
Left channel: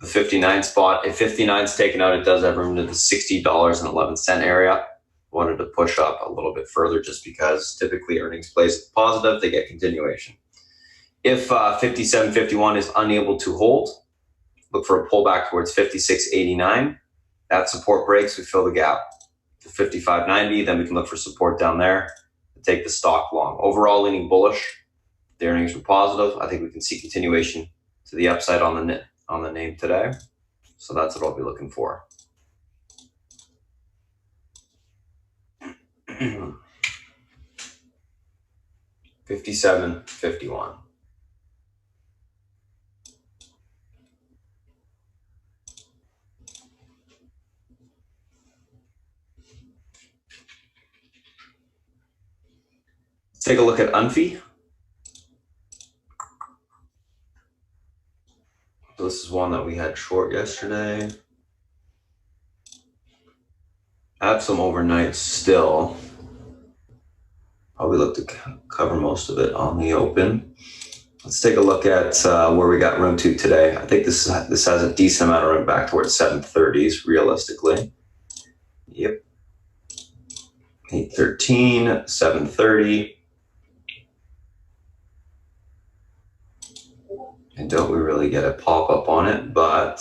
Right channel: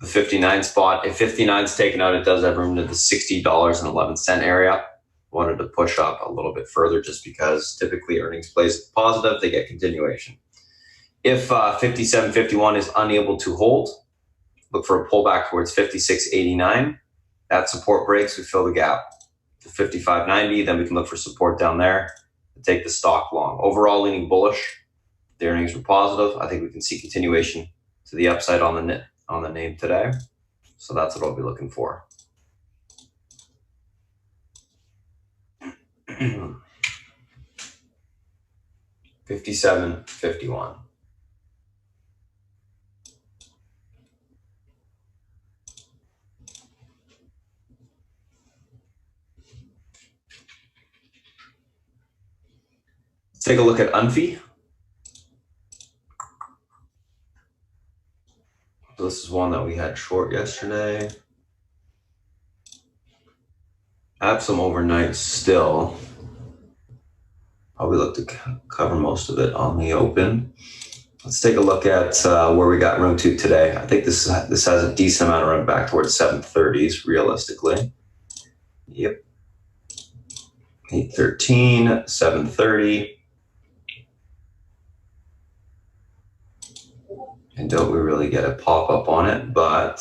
The 59 spot, if 59 is taken out, it does have room to the $60.11 area. Wanted to push up a little bit further just because typically earnings plays positive, they get continuation. If 57.51 is unable to hold, look for a pullback towards 56.89. That support breaks, we fill the gap to 55.90. Then we can look for support down there to take the stock long. Overall leaning bullish. The earnings were positive. I think we can see continuation to the upside on the name today. So that's what I'll be looking for. $57.51. Let's take a look at UNFI. So this is one that we had short yesterday. I have some overnight still. Probably look to cover most of it on the open. Let's take a look at where we got room to today. I think this has a decent amount of room back towards 730s realistically. Yep. 813, 730. And don't we really get a pop up on it, but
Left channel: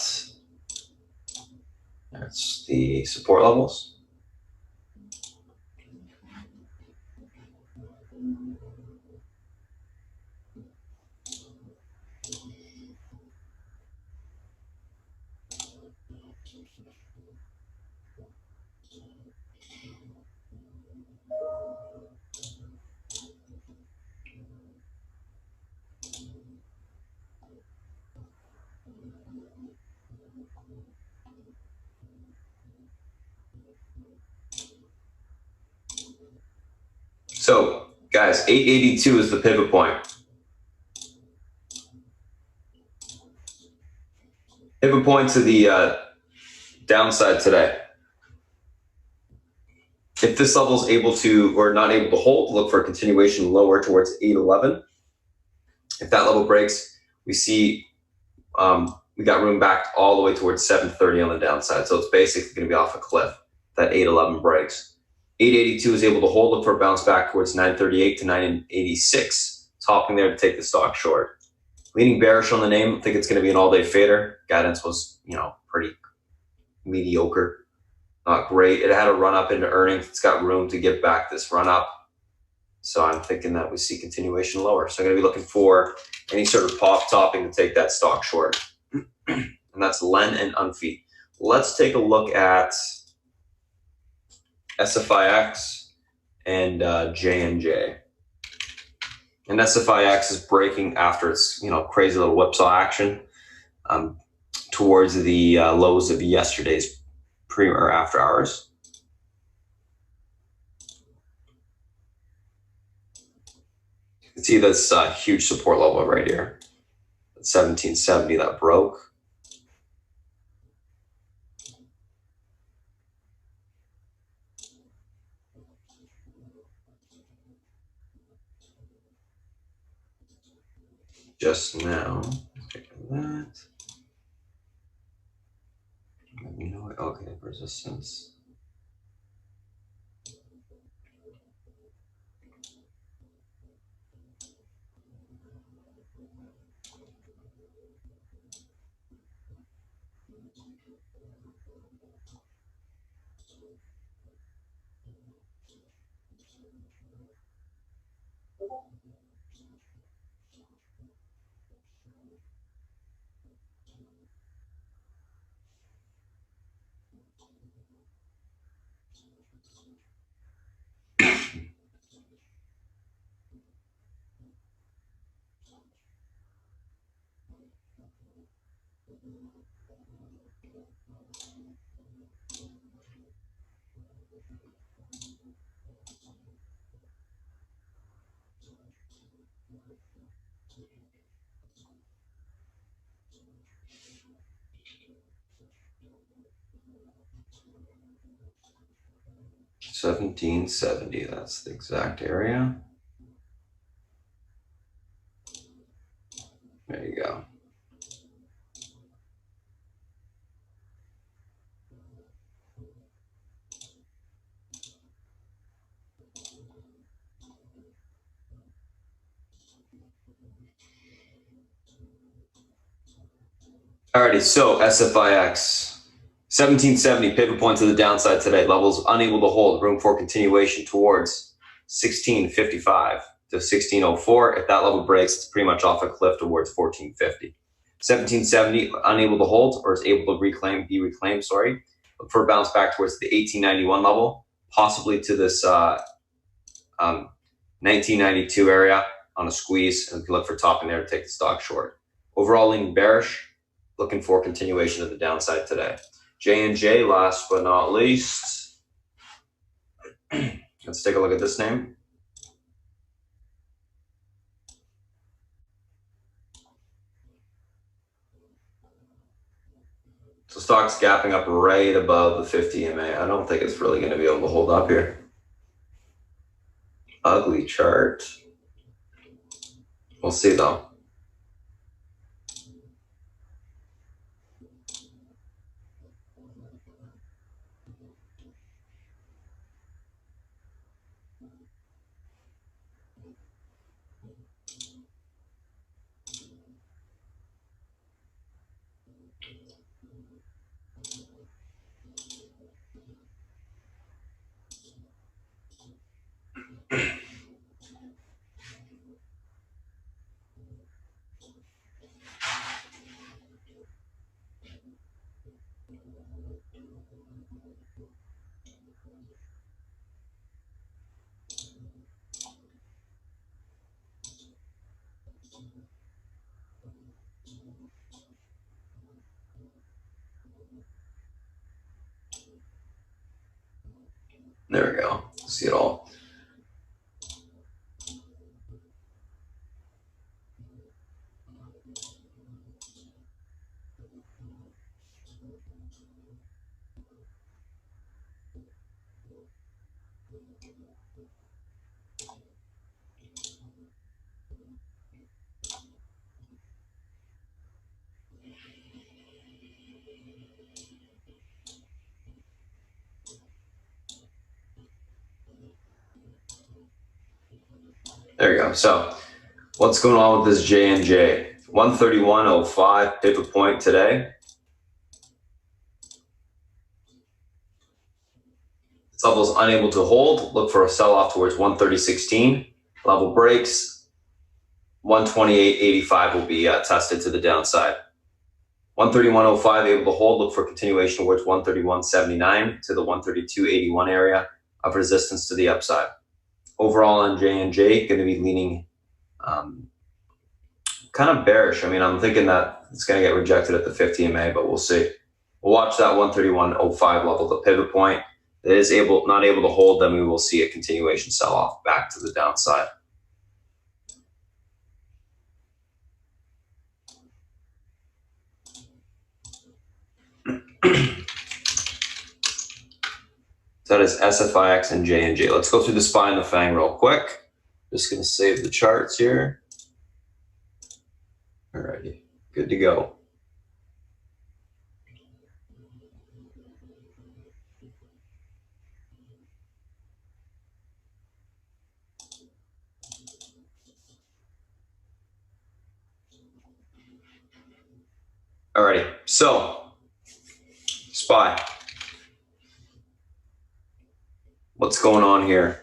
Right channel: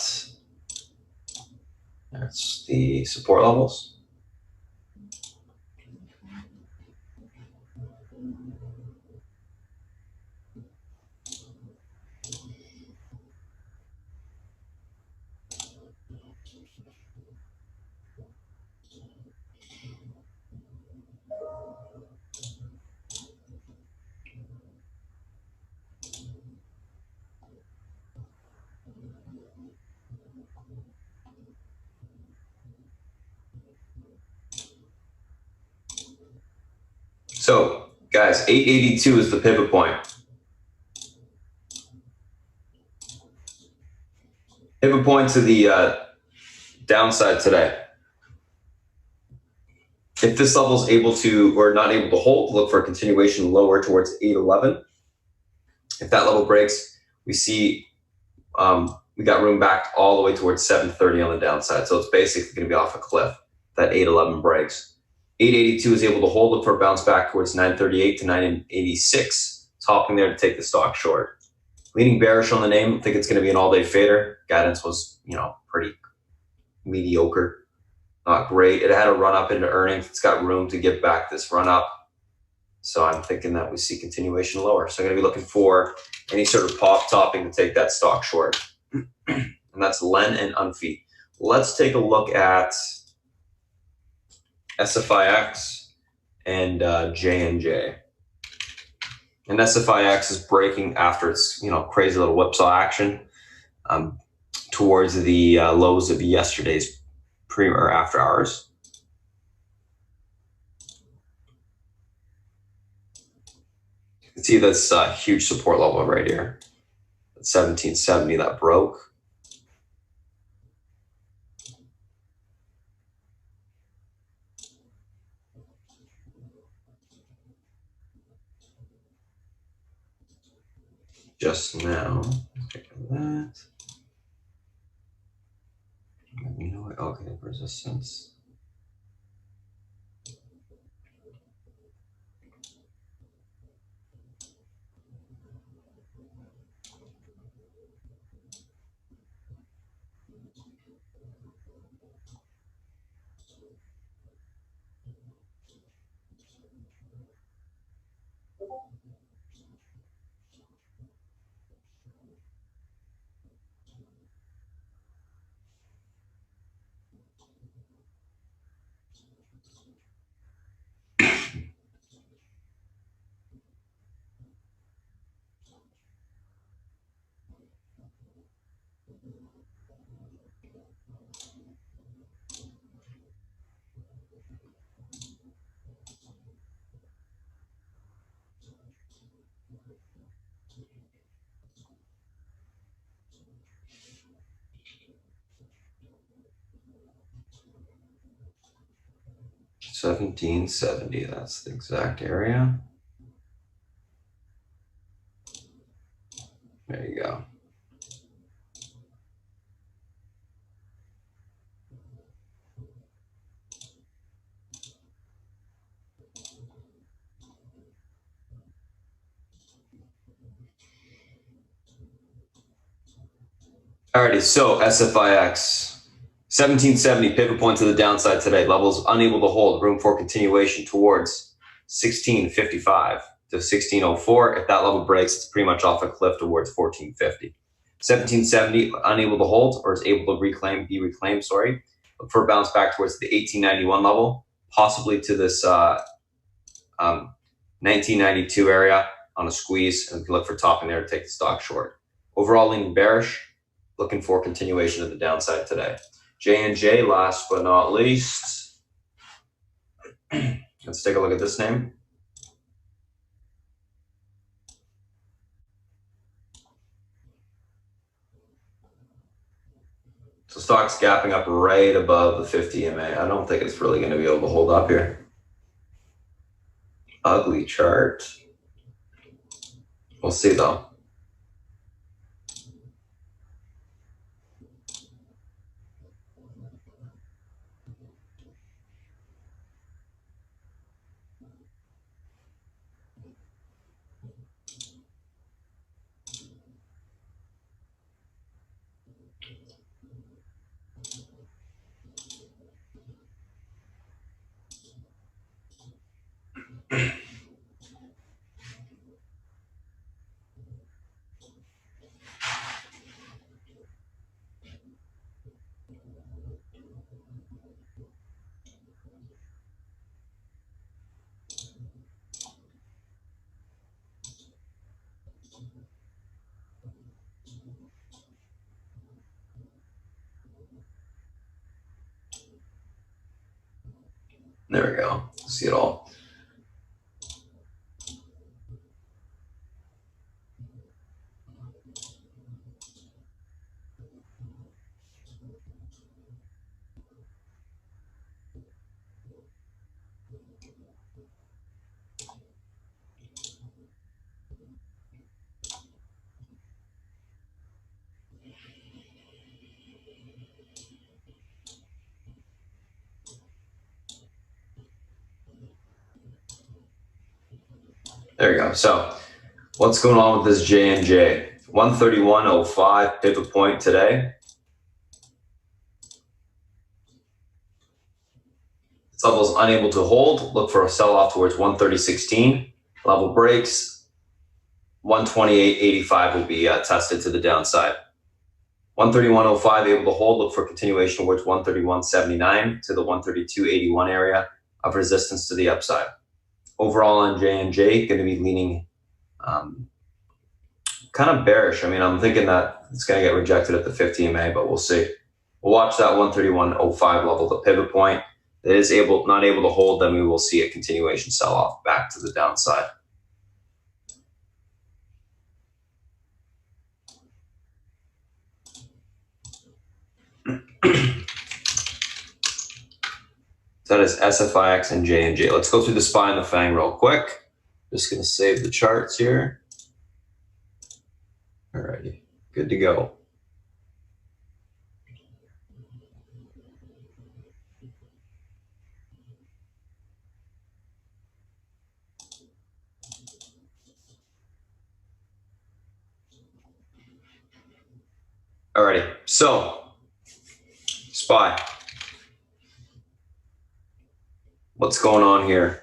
that's the support levels. So, guys, 882 is the pivot point. Pivot point to the downside today. If this level is able to, or not able to hold, look for a continuation lower towards 811. If that level breaks, we see we got room back all the way towards 730 on the downside. So it's basically going to be off a cliff. That 811 breaks. 882 is able to hold, look for a bounce back towards 938 to 986. Topping there to take the stock short. Leaning bearish on the name. I think it's going to be an all-day fader. Guidance was, pretty mediocre. Not great. It had a run up into earnings. It's got room to give back this run up. So I'm thinking that we see continuation lower. So I'm going to be looking for any sort of pop topping to take that stock short. And that's Len and Unfeed. Let's take a look at SFIX and J&J. And SFIX is breaking after its crazy little whipsaw action towards the lows of yesterday's pre or after hours. You can see this huge support level right here at 1770 that broke. Just now. Take that. Okay, resistance. $17.70, that's the exact area. There you go. Alrighty, so SFIX. 1770 pivot point to the downside today. Levels unable to hold. Room for continuation towards 1655 to 1604. If that level breaks, it's pretty much off a cliff towards 1450. 1770 unable to hold or is able to be reclaimed. Look for a bounce back towards the 1891 level, possibly to this 1992 area on a squeeze, and look for topping there to take the stock short. Overall leaning bearish. Looking for continuation of the downside today. J&J, last but not least. Let's take a look at this name. So stock's gapping up right above the 50 EMA. I don't think it's really going to be able to hold up here. Ugly chart. We'll see though. There we go. See it all. There you go. So what's going on with this J&J? 131.05 pivot point today. This level is unable to hold. Look for a sell-off towards 130.16. Level breaks. 128.85 will be tested to the downside. 131.05 able to hold. Look for continuation towards 131.79 to the 132.81 area of resistance to the upside. Overall on J&J, going to be leaning kind of bearish. I mean, I'm thinking that it's going to get rejected at the 50 EMA, but we'll see. We'll watch that 131.05 level, the pivot point. It is not able to hold, then we will see a continuation sell-off back to the downside. So that is SFIX and J&J. Let's go through the SPY and the FANG real quick. Just going to save the charts here. Alrighty, good to go. Alrighty, so SPY. What's going on here?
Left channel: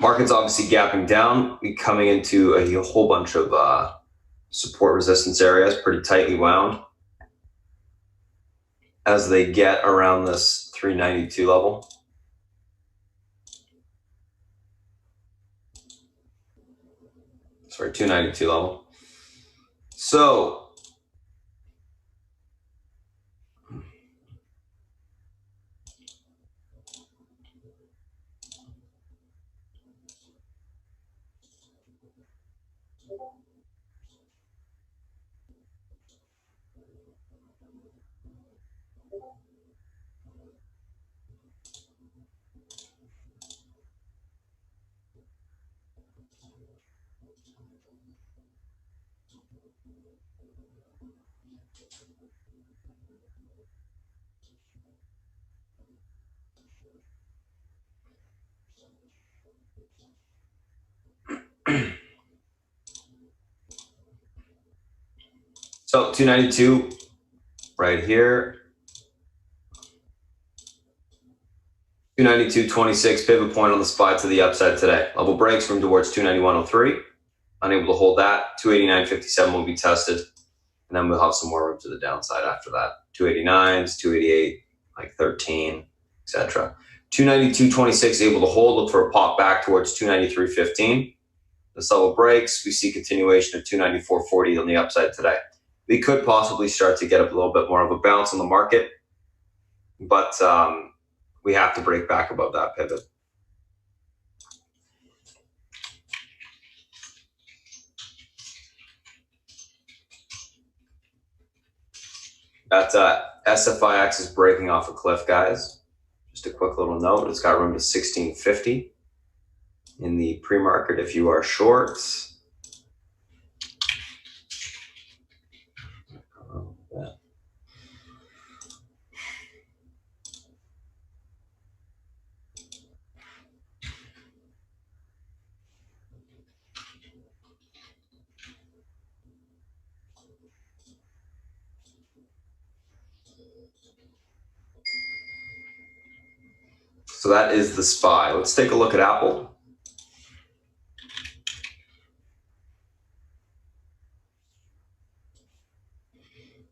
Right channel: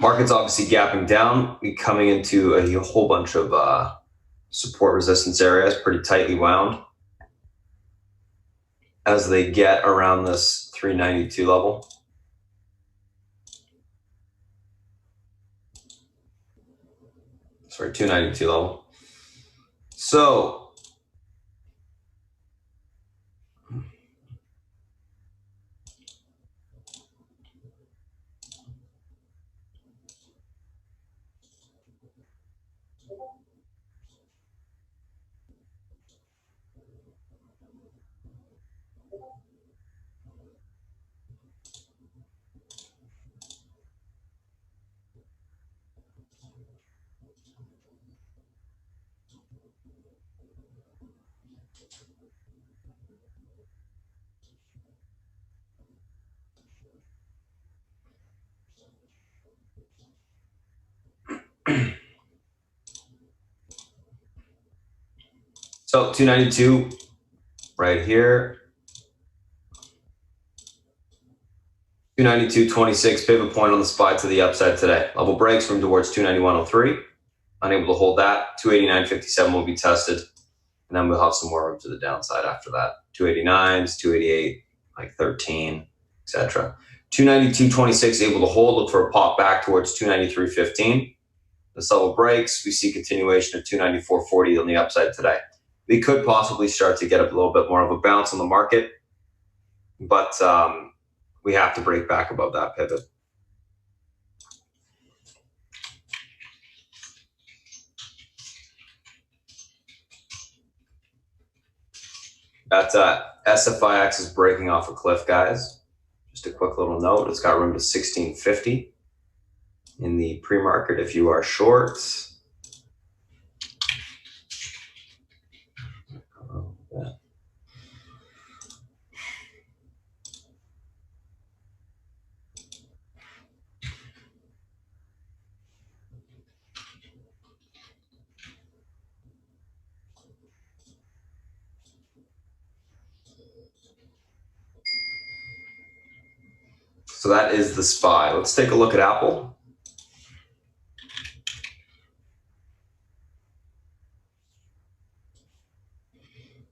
Market's obviously gapping down. We're coming into a whole bunch of support resistance areas, pretty tightly wound. As they get around this 392 level. Sorry, 292 level. So So 292 right here. 292.26 pivot point on the SPY to the upside today. Level breaks from towards 291.03. Unable to hold that. 289.57 will be tested. And then we'll have some more room to the downside after that. 289s, 288, like 13, etc. 292.26 able to hold. Look for a pop back towards 293.15. This level breaks. We see continuation of 294.40 on the upside today. We could possibly start to get a little bit more of a bounce on the market, but we have to break back above that pivot. That SFIX is breaking off a cliff, guys. Just a quick little note. It's got room to 1650 in the pre-market if you are shorts. So that is the SPY. Let's take a look at Apple.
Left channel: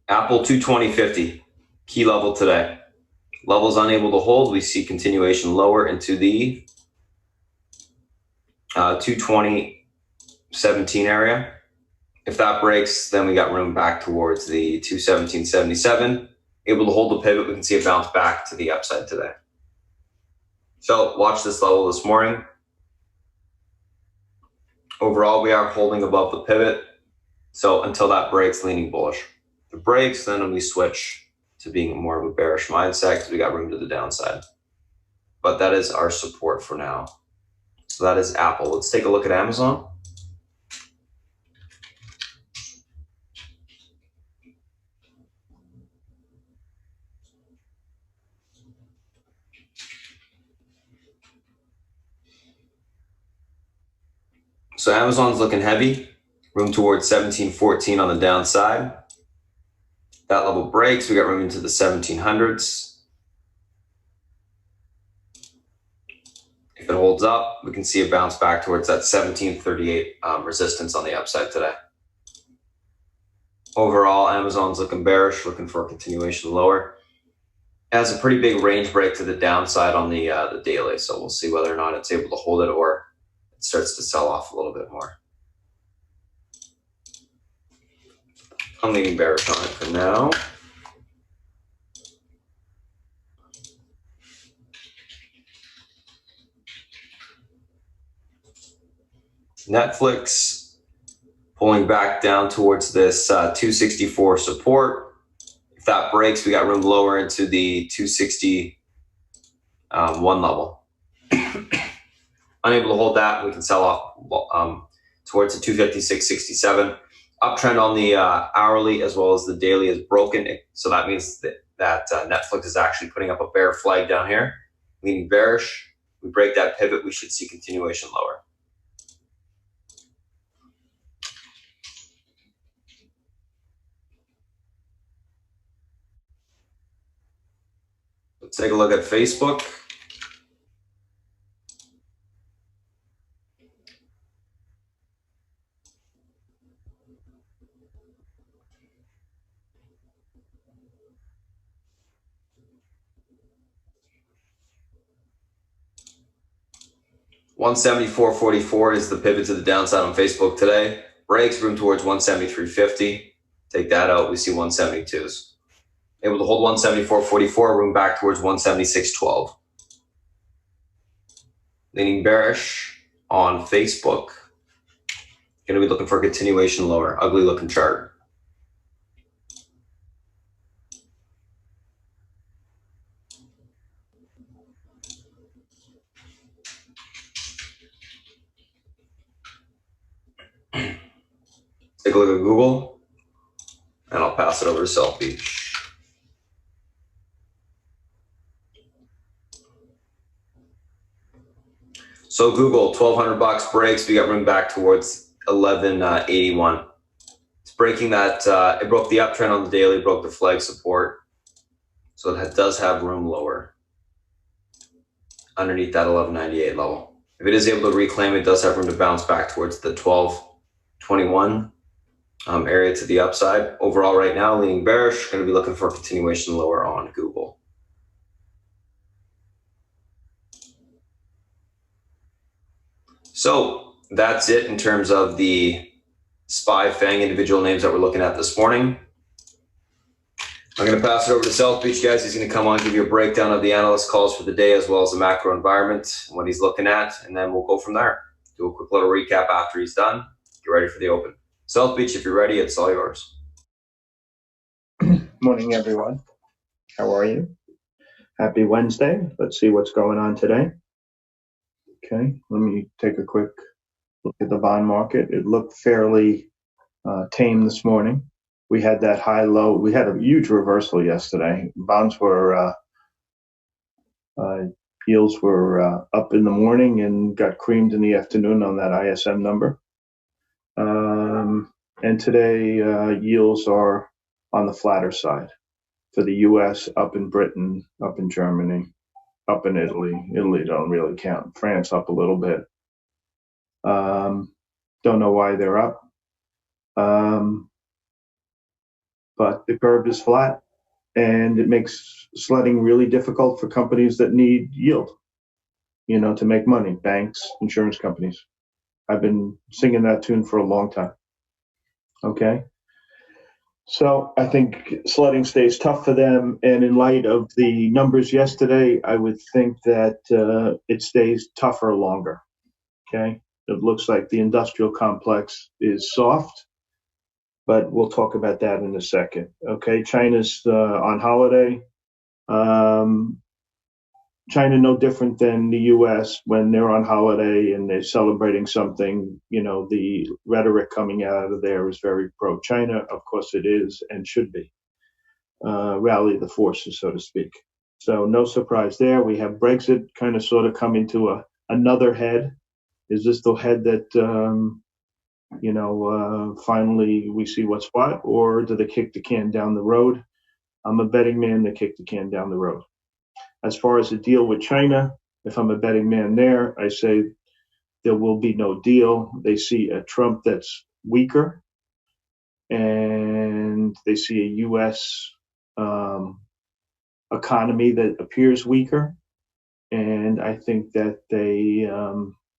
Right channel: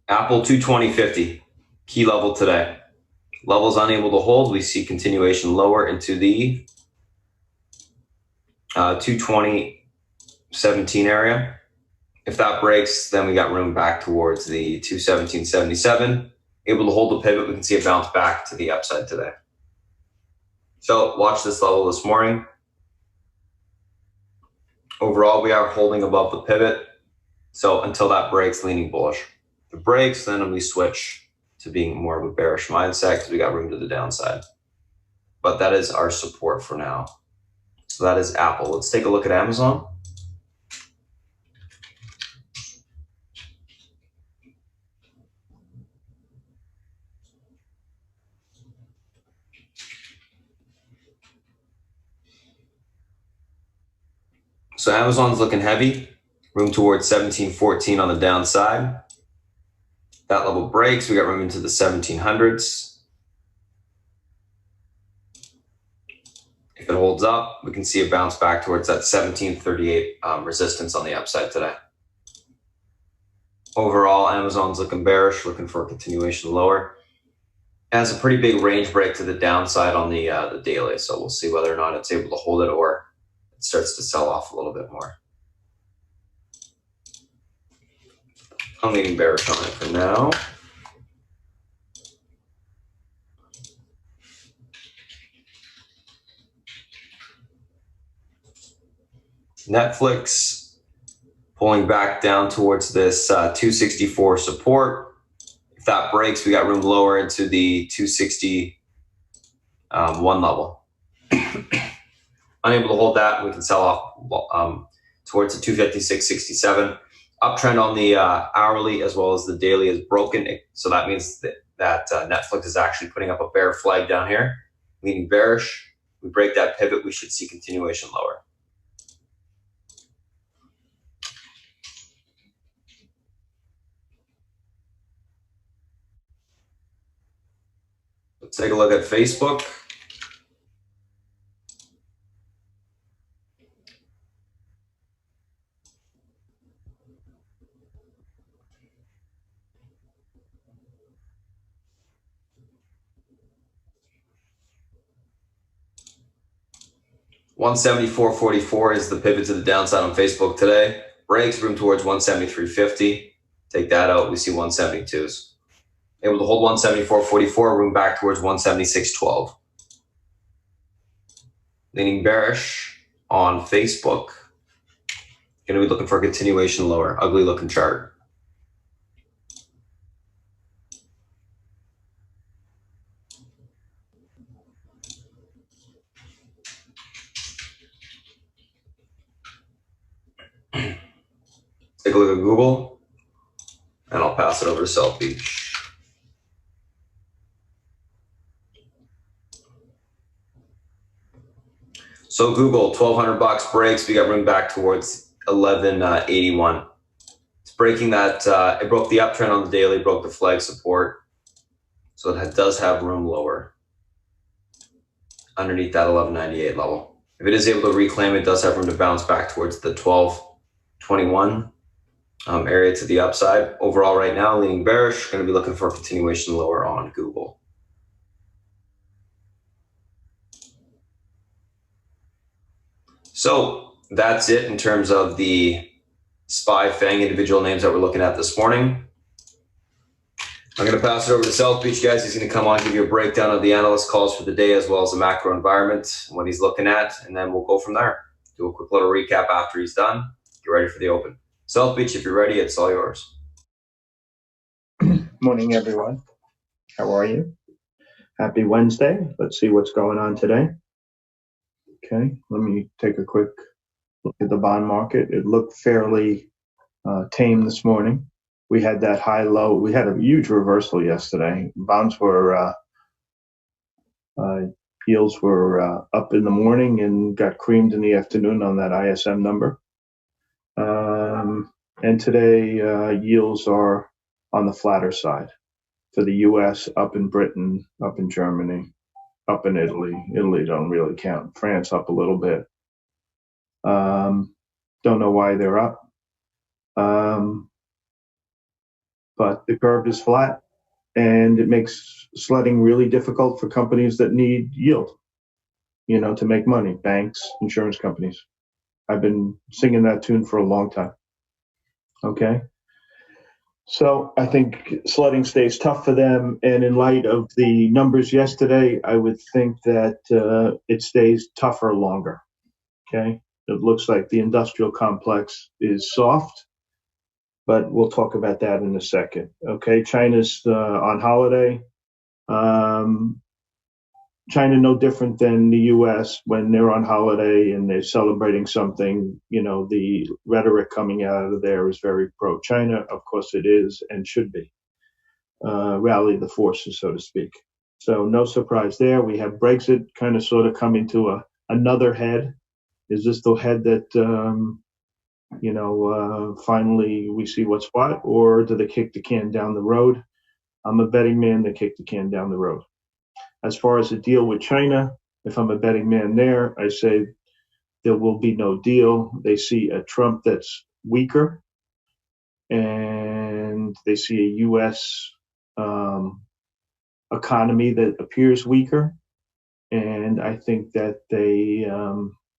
Apple 220.50, key level today. Levels unable to hold. We see continuation lower into the 220.17 area. If that breaks, then we got room back towards the 217.77. able to hold the pivot. We can see it bounce back to the upside today. So watch this level this morning. Overall, we are holding above the pivot. So until that breaks, leaning bullish. If it breaks, then we switch to being more of a bearish mindset because we got room to the downside. But that is our support for now. So that is Apple. Let's take a look at Amazon. So Amazon's looking heavy, room towards 1714 on the downside. That level breaks, we got room into the 1700s. If it holds up, we can see it bounce back towards that 1738 resistance on the upside today. Overall, Amazon's looking bearish, looking for a continuation lower. It has a pretty big range break to the downside on the daily, so we'll see whether or not it's able to hold it or it starts to sell off a little bit more. I'm leaning bearish on it for now. Netflix pulling back down towards this 264 support. If that breaks, we got room lower into the 261 level. Unable to hold that, we can sell off towards the 256.67. Uptrend on the hourly as well as the daily is broken. So that means that Netflix is actually putting up a bear flag down here, leaning bearish. We break that pivot, we should see continuation lower. Let's take a look at Facebook. $174.44 is the pivot to the downside on Facebook today. Breaks, room towards 173.50. Take that out, we see 172s. Able to hold 174.44, room back towards 176.12. Leaning bearish on Facebook. Going to be looking for a continuation lower. Ugly looking chart. Take a look at Google, and I'll pass it over to South Beach. So Google, $1,200 breaks. We got room back towards 1181. It's breaking that. It broke the uptrend on the daily, broke the flag support. So it does have room lower underneath that 1198 level. If it is able to reclaim, it does have room to bounce back towards the 1221 area to the upside. Overall right now, leaning bearish, going to be looking for a continuation lower on Google. So that's it in terms of the SPY FANG individual names that we're looking at this morning. I'm going to pass it over to South Beach, guys. He's going to come on, give you a breakdown of the analyst calls for the day, as well as the macro environment, what he's looking at, and then we'll go from there. Do a quick little recap after he's done. Get ready for the open. South Beach, if you're ready, it's all yours. Morning, everyone. How are you? Happy Wednesday. Let's see what's going on today. Okay, let me take a quick look at the bond market. It looked fairly tame this morning. We had that high-low. We had a huge reversal yesterday. Bonds were, yields were up in the morning and got creamed in the afternoon on that ISM number. And today, yields are on the flatter side. For the U.S., up in Britain, up in Germany, up in Italy. Italy don't really count. France up a little bit. Don't know why they're up. But the curve is flat, and it makes sledding really difficult for companies that need yield, to make money. Banks, insurance companies. I've been singing that tune for a long time. Okay. So I think sledding stays tough for them. And in light of the numbers yesterday, I would think that it stays tougher longer. Okay. It looks like the industrial complex is soft, but we'll talk about that in a second. Okay. China's on holiday. China no different than the U.S. when they're on holiday and they're celebrating something. You know, the rhetoric coming out of there is very pro-China. Of course, it is and should be. Rally the forces, so to speak. So no surprise there. We have Brexit kind of sort of coming to another head. Is this the head that finally we see what's what, or do they kick the can down the road? I'm a betting man. They kick the can down the road. As far as the deal with China, if I'm a betting man there, I say there will be no deal. They see a Trump that's weaker, and they see a U.S. Economy that appears weaker. And I think that they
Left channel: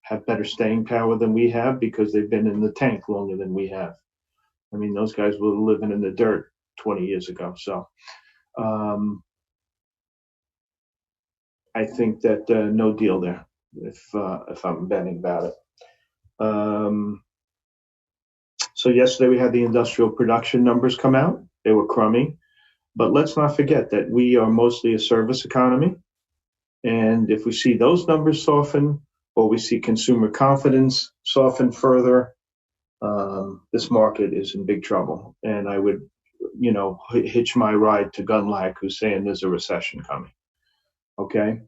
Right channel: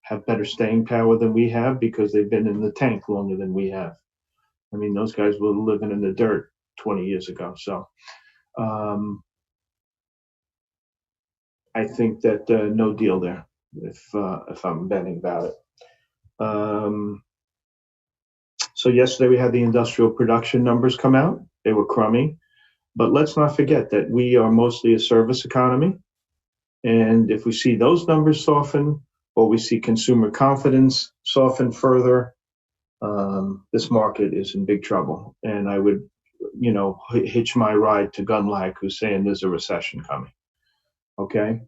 have better staying power than we have because they've been in the tank longer than we have. I mean, those guys were living in the dirt 20 years ago. So I think that no deal there if I'm betting about it. So yesterday we had the industrial production numbers come out. They were crummy. But let's not forget that we are mostly a service economy. And if we see those numbers soften, or we see consumer confidence soften further, this market is in big trouble. And I would, hitch my ride to Gunlag, who's saying there's a recession coming. Okay.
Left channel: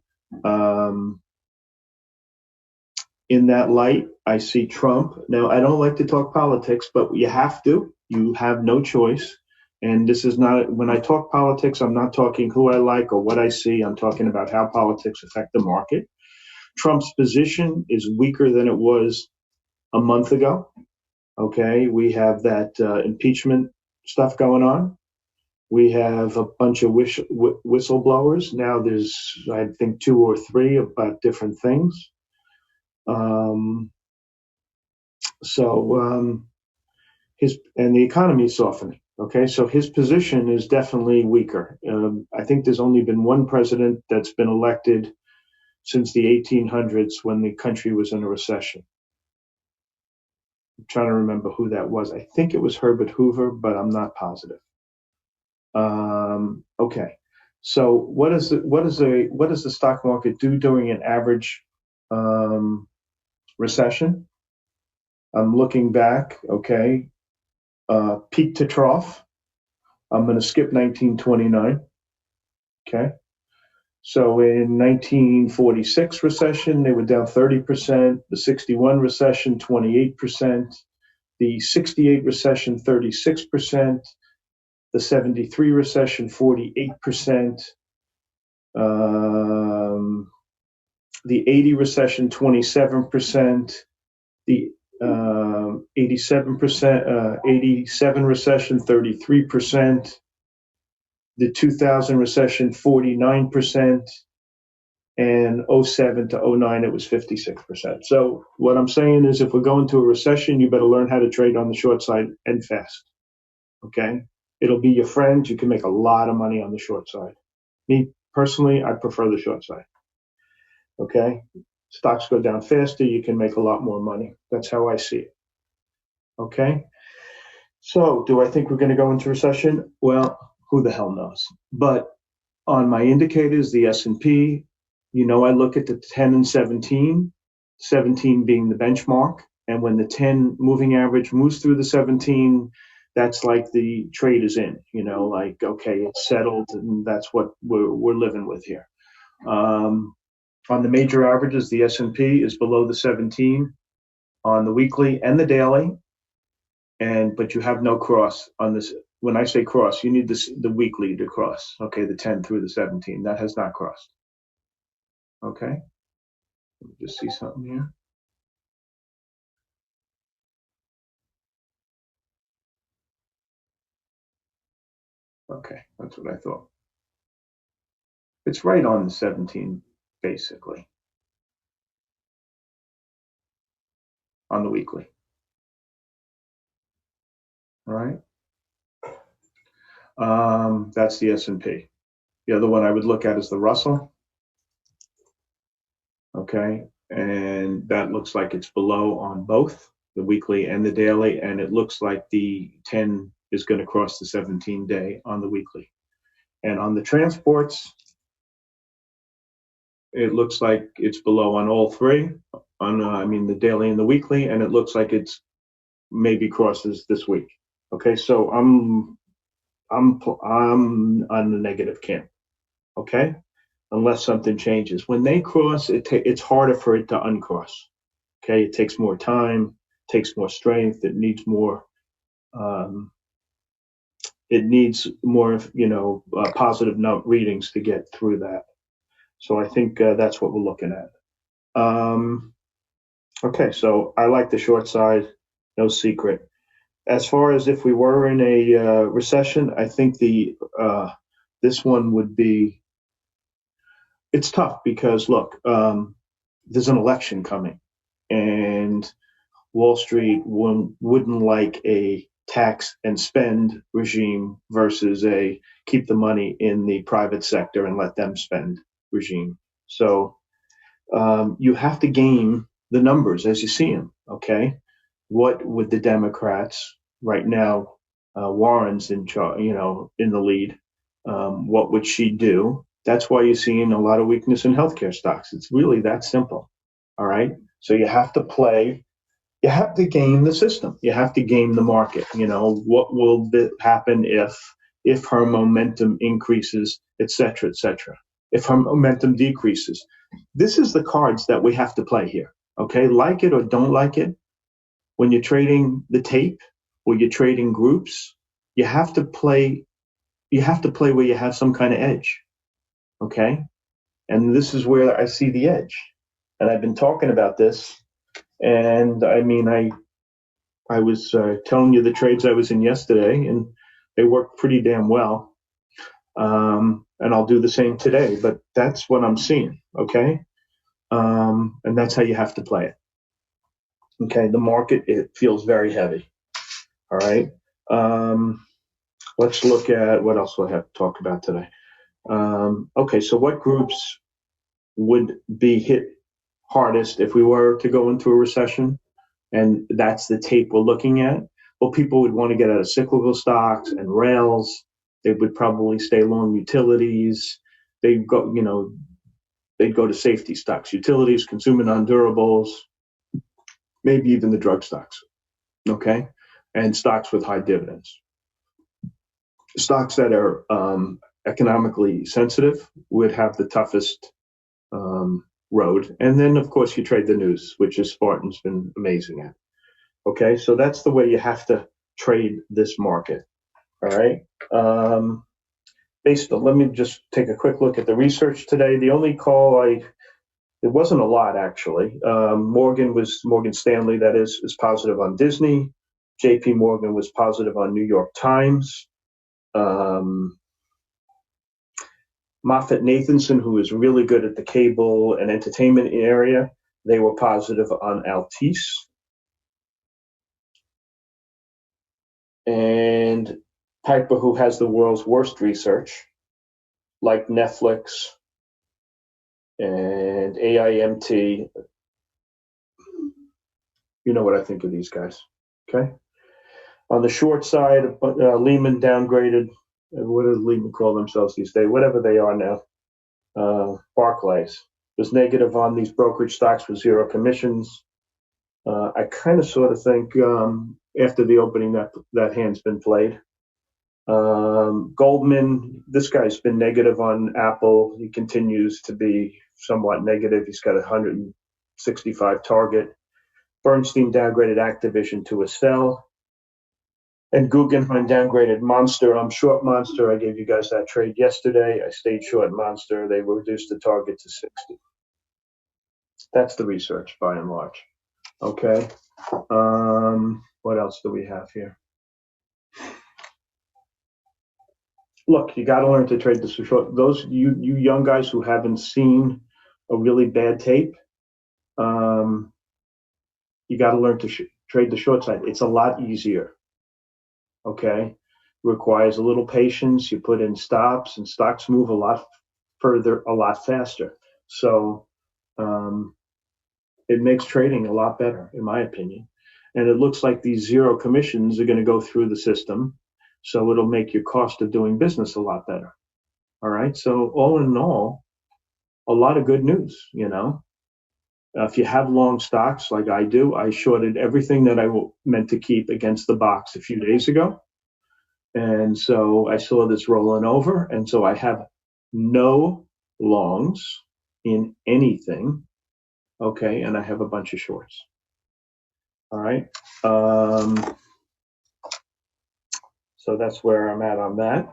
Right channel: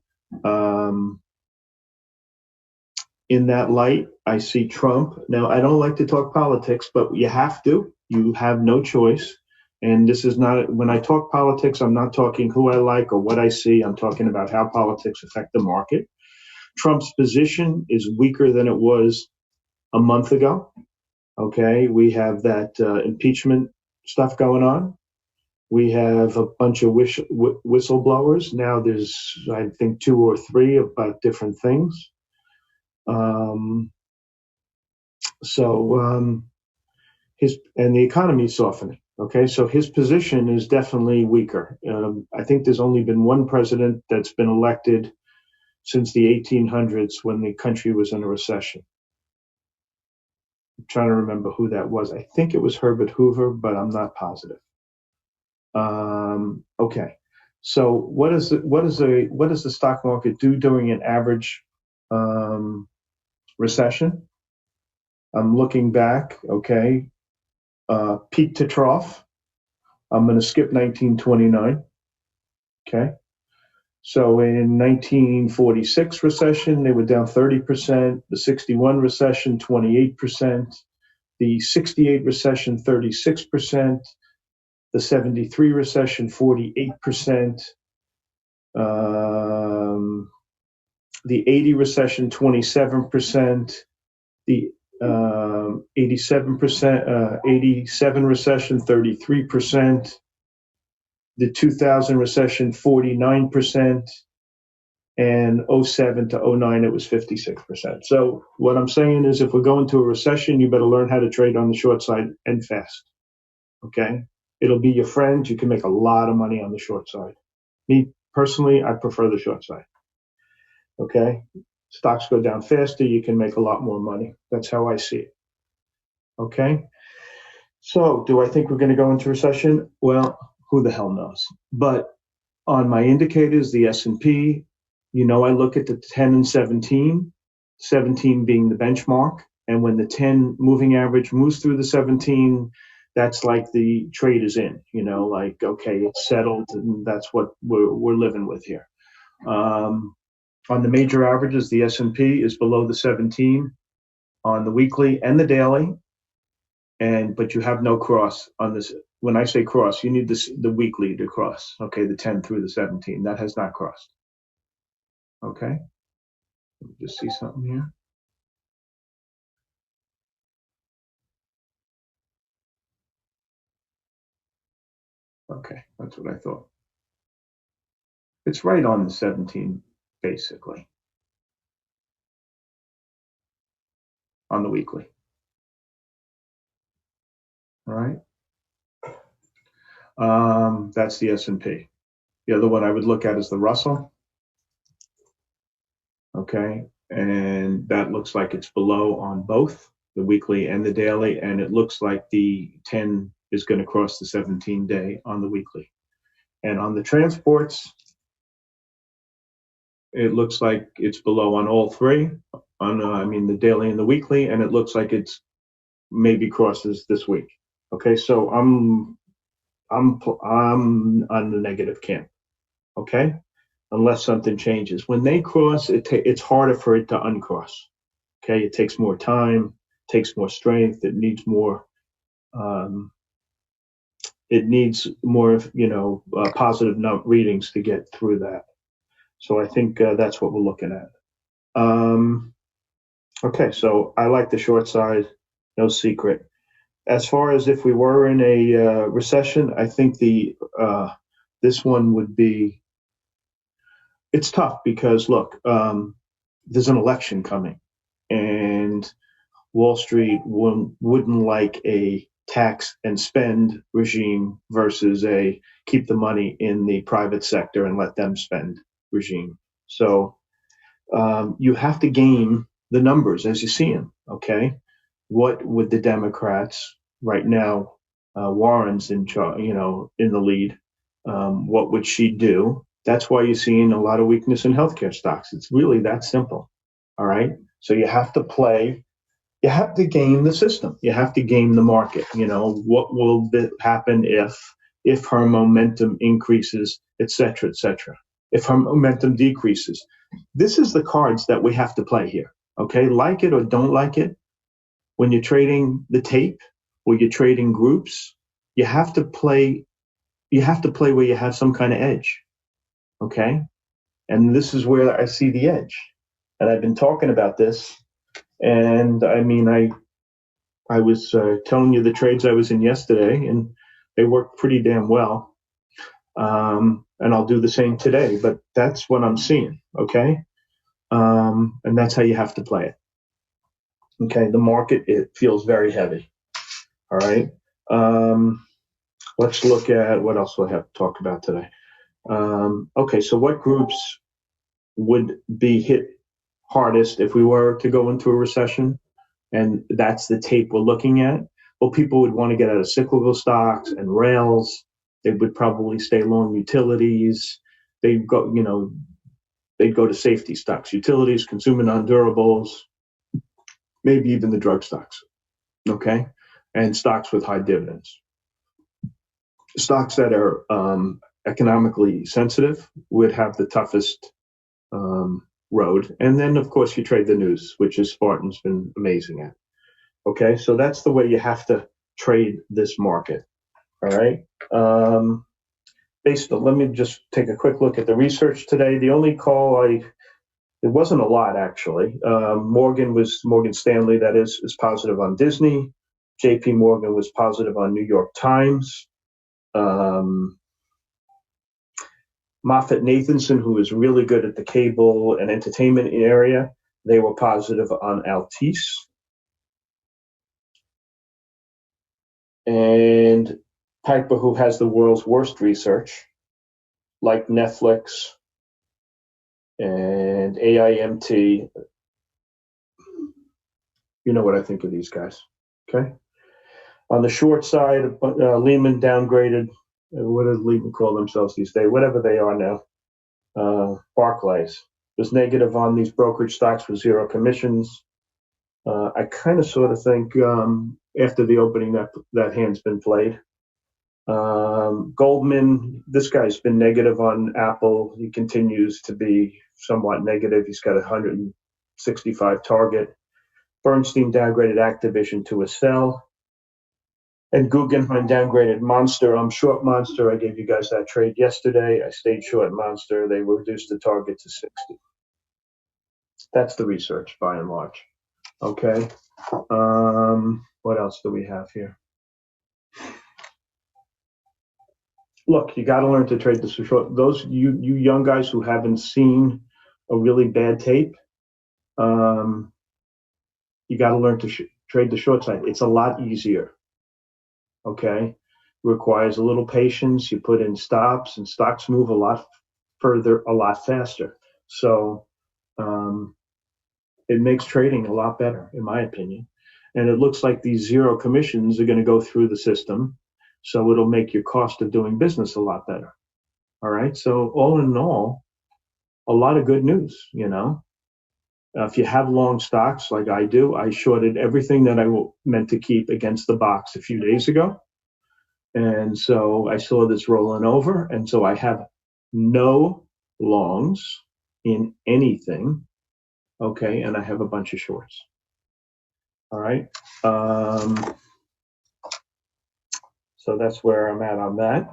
In that light, I see Trump. Now, I don't like to talk politics, but you have to. You have no choice. And this is not, when I talk politics, I'm not talking who I like or what I see. I'm talking about how politics affect the market. Trump's position is weaker than it was a month ago. Okay, we have that impeachment stuff going on. We have a bunch of whistleblowers. Now there's, I think, 2 or 3 about different things. The economy is softening. Okay, so his position is definitely weaker. I think there's only been one president that's been elected since the 1800s when the country was in a recession. I'm trying to remember who that was. I think it was Herbert Hoover, but I'm not positive. Okay, so what does the stock market do during an average recession? I'm looking back. Okay, peak to trough. I'm going to skip 1929. Okay. So in 1946 recession, they were down 30%. The 61 recession, 28%. The 68 recession, 36%. The 73 recession, 48%. The 80 recession, 27%. The 87 recession, 33%. The 2000 recession, 49%. And 07 to 09, it was 56%. So what I'm saying is if we're going to a recession, you better learn how to trade on the short side and fast. Okay? It'll be your friend. You can make a lot of money on the short side. Me, personally, I prefer the short side. Okay? Stocks go down faster. You can make a lot more money. That's how I see it. Okay? So do I think we're going to go into recession? Well, who the hell knows? But on my indicators, the S&P, I look at the 10 and 17, 17 being the benchmark. And when the 10 moving average moves through the 17, that's like the trade is in, okay, it's settled, and that's what we're living with here. On the major averages, the S&P is below the 17 on the weekly and the daily. But you have no cross on this. When I say cross, you need the weekly to cross. Okay, the 10 through the 17. That has not crossed. Okay. Let me just see something here. Okay, that's what I thought. It's right on the 17, basically, on the weekly. All right. That's the S&P. The other one I would look at is the Russell. Okay, and that looks like it's below on both the weekly and the daily, and it looks like the 10 is going to cross the 17-day on the weekly. And on the transports, it looks like it's below on all three, on the daily and the weekly, and it looks like it's maybe crosses this week. Okay, so I'm on the negative camp. Okay, unless something changes. When they cross, it's harder for it to uncross. Okay, it takes more time, takes more strength. It needs more. Positive note readings to get through that. So I think that's what we're looking at. Okay, so I like the short side, no secret. As far as if we were in a recession, I think this one would be. It's tough because look, there's an election coming, and Wall Street wouldn't like a tax and spend regime versus a keep the money in the private sector and let them spend regime. So you have to game the numbers as you see them. Okay, what would the Democrats right now? Warren's in charge, in the lead. What would she do? That's why you're seeing a lot of weakness in healthcare stocks. It's really that simple. All right. So you have to game the system. You have to game the market. What will happen if her momentum increases, et cetera, et cetera. If her momentum decreases, this is the cards that we have to play here. Okay, like it or don't like it. When you're trading the tape or you're trading groups, you have to play. You have to play where you have some kind of edge. Okay, and this is where I see the edge. And I've been talking about this. And I was telling you the trades I was in yesterday, and they worked pretty damn well. And I'll do the same today, but that's what I'm seeing. Okay, and that's how you have to play it. Okay, the market, it feels very heavy. All right. Let's look at what else do I have to talk about today. Okay, so what groups would be hit hardest if we were to go into a recession? And that's the tape we're looking at. Well, people would want to get out of cyclical stocks and rails. They would probably stay long utilities. They'd go to safety stocks, utilities, consumer non-durables, maybe even the drug stocks. Okay, and stocks with high dividends. Stocks that are economically sensitive would have the toughest road. And then, of course, you trade the news, which is Spartan's been amazing at. Okay, so that's the way you have to trade this market. All right. Let me just take a quick look at the research today. The only call it wasn't a lot actually. Morgan Stanley, that is positive on Disney. JP Morgan was positive on New York Times. MoffettNathanson, who is really good at the cable and entertainment area, they were positive on Altice. And Piper, who has the world's worst research, like Netflix and AIMT, you know what I think of these guys. Okay. On the short side, Lehman downgraded. What does Lehman call themselves these days? Whatever they are now. Barclays was negative on these brokerage stocks with zero commissions. I kind of sort of think after the opening that hand's been played. Goldman, this guy's been negative on Apple. He continues to be somewhat negative. He's got a 165 target. Bernstein downgraded Activision to a sell. And Guggenheim downgraded Monster. I'm short Monster. I gave you guys that trade yesterday. I stayed short Monster. They reduced the target to 60. That's the research by and large. Okay. What else do we have here? Look, you got to learn to trade the short. Those you young guys who haven't seen a really bad tape, you got to learn to trade the short side. It's a lot easier. Okay, requires a little patience. You put in stops, and stocks move a lot further, a lot faster. So it makes trading a lot better, in my opinion. And it looks like these zero commissions are going to go through the system. So it'll make your cost of doing business a lot better. All right. So all in all, a lot of good news, you know. If you have long stocks like I do, I shorted everything that I meant to keep against the box a few days ago. And so I saw this rolling over. And so I have no longs in anything. Okay. And I have a bunch of shorts. All right. So that's where I'm at on that.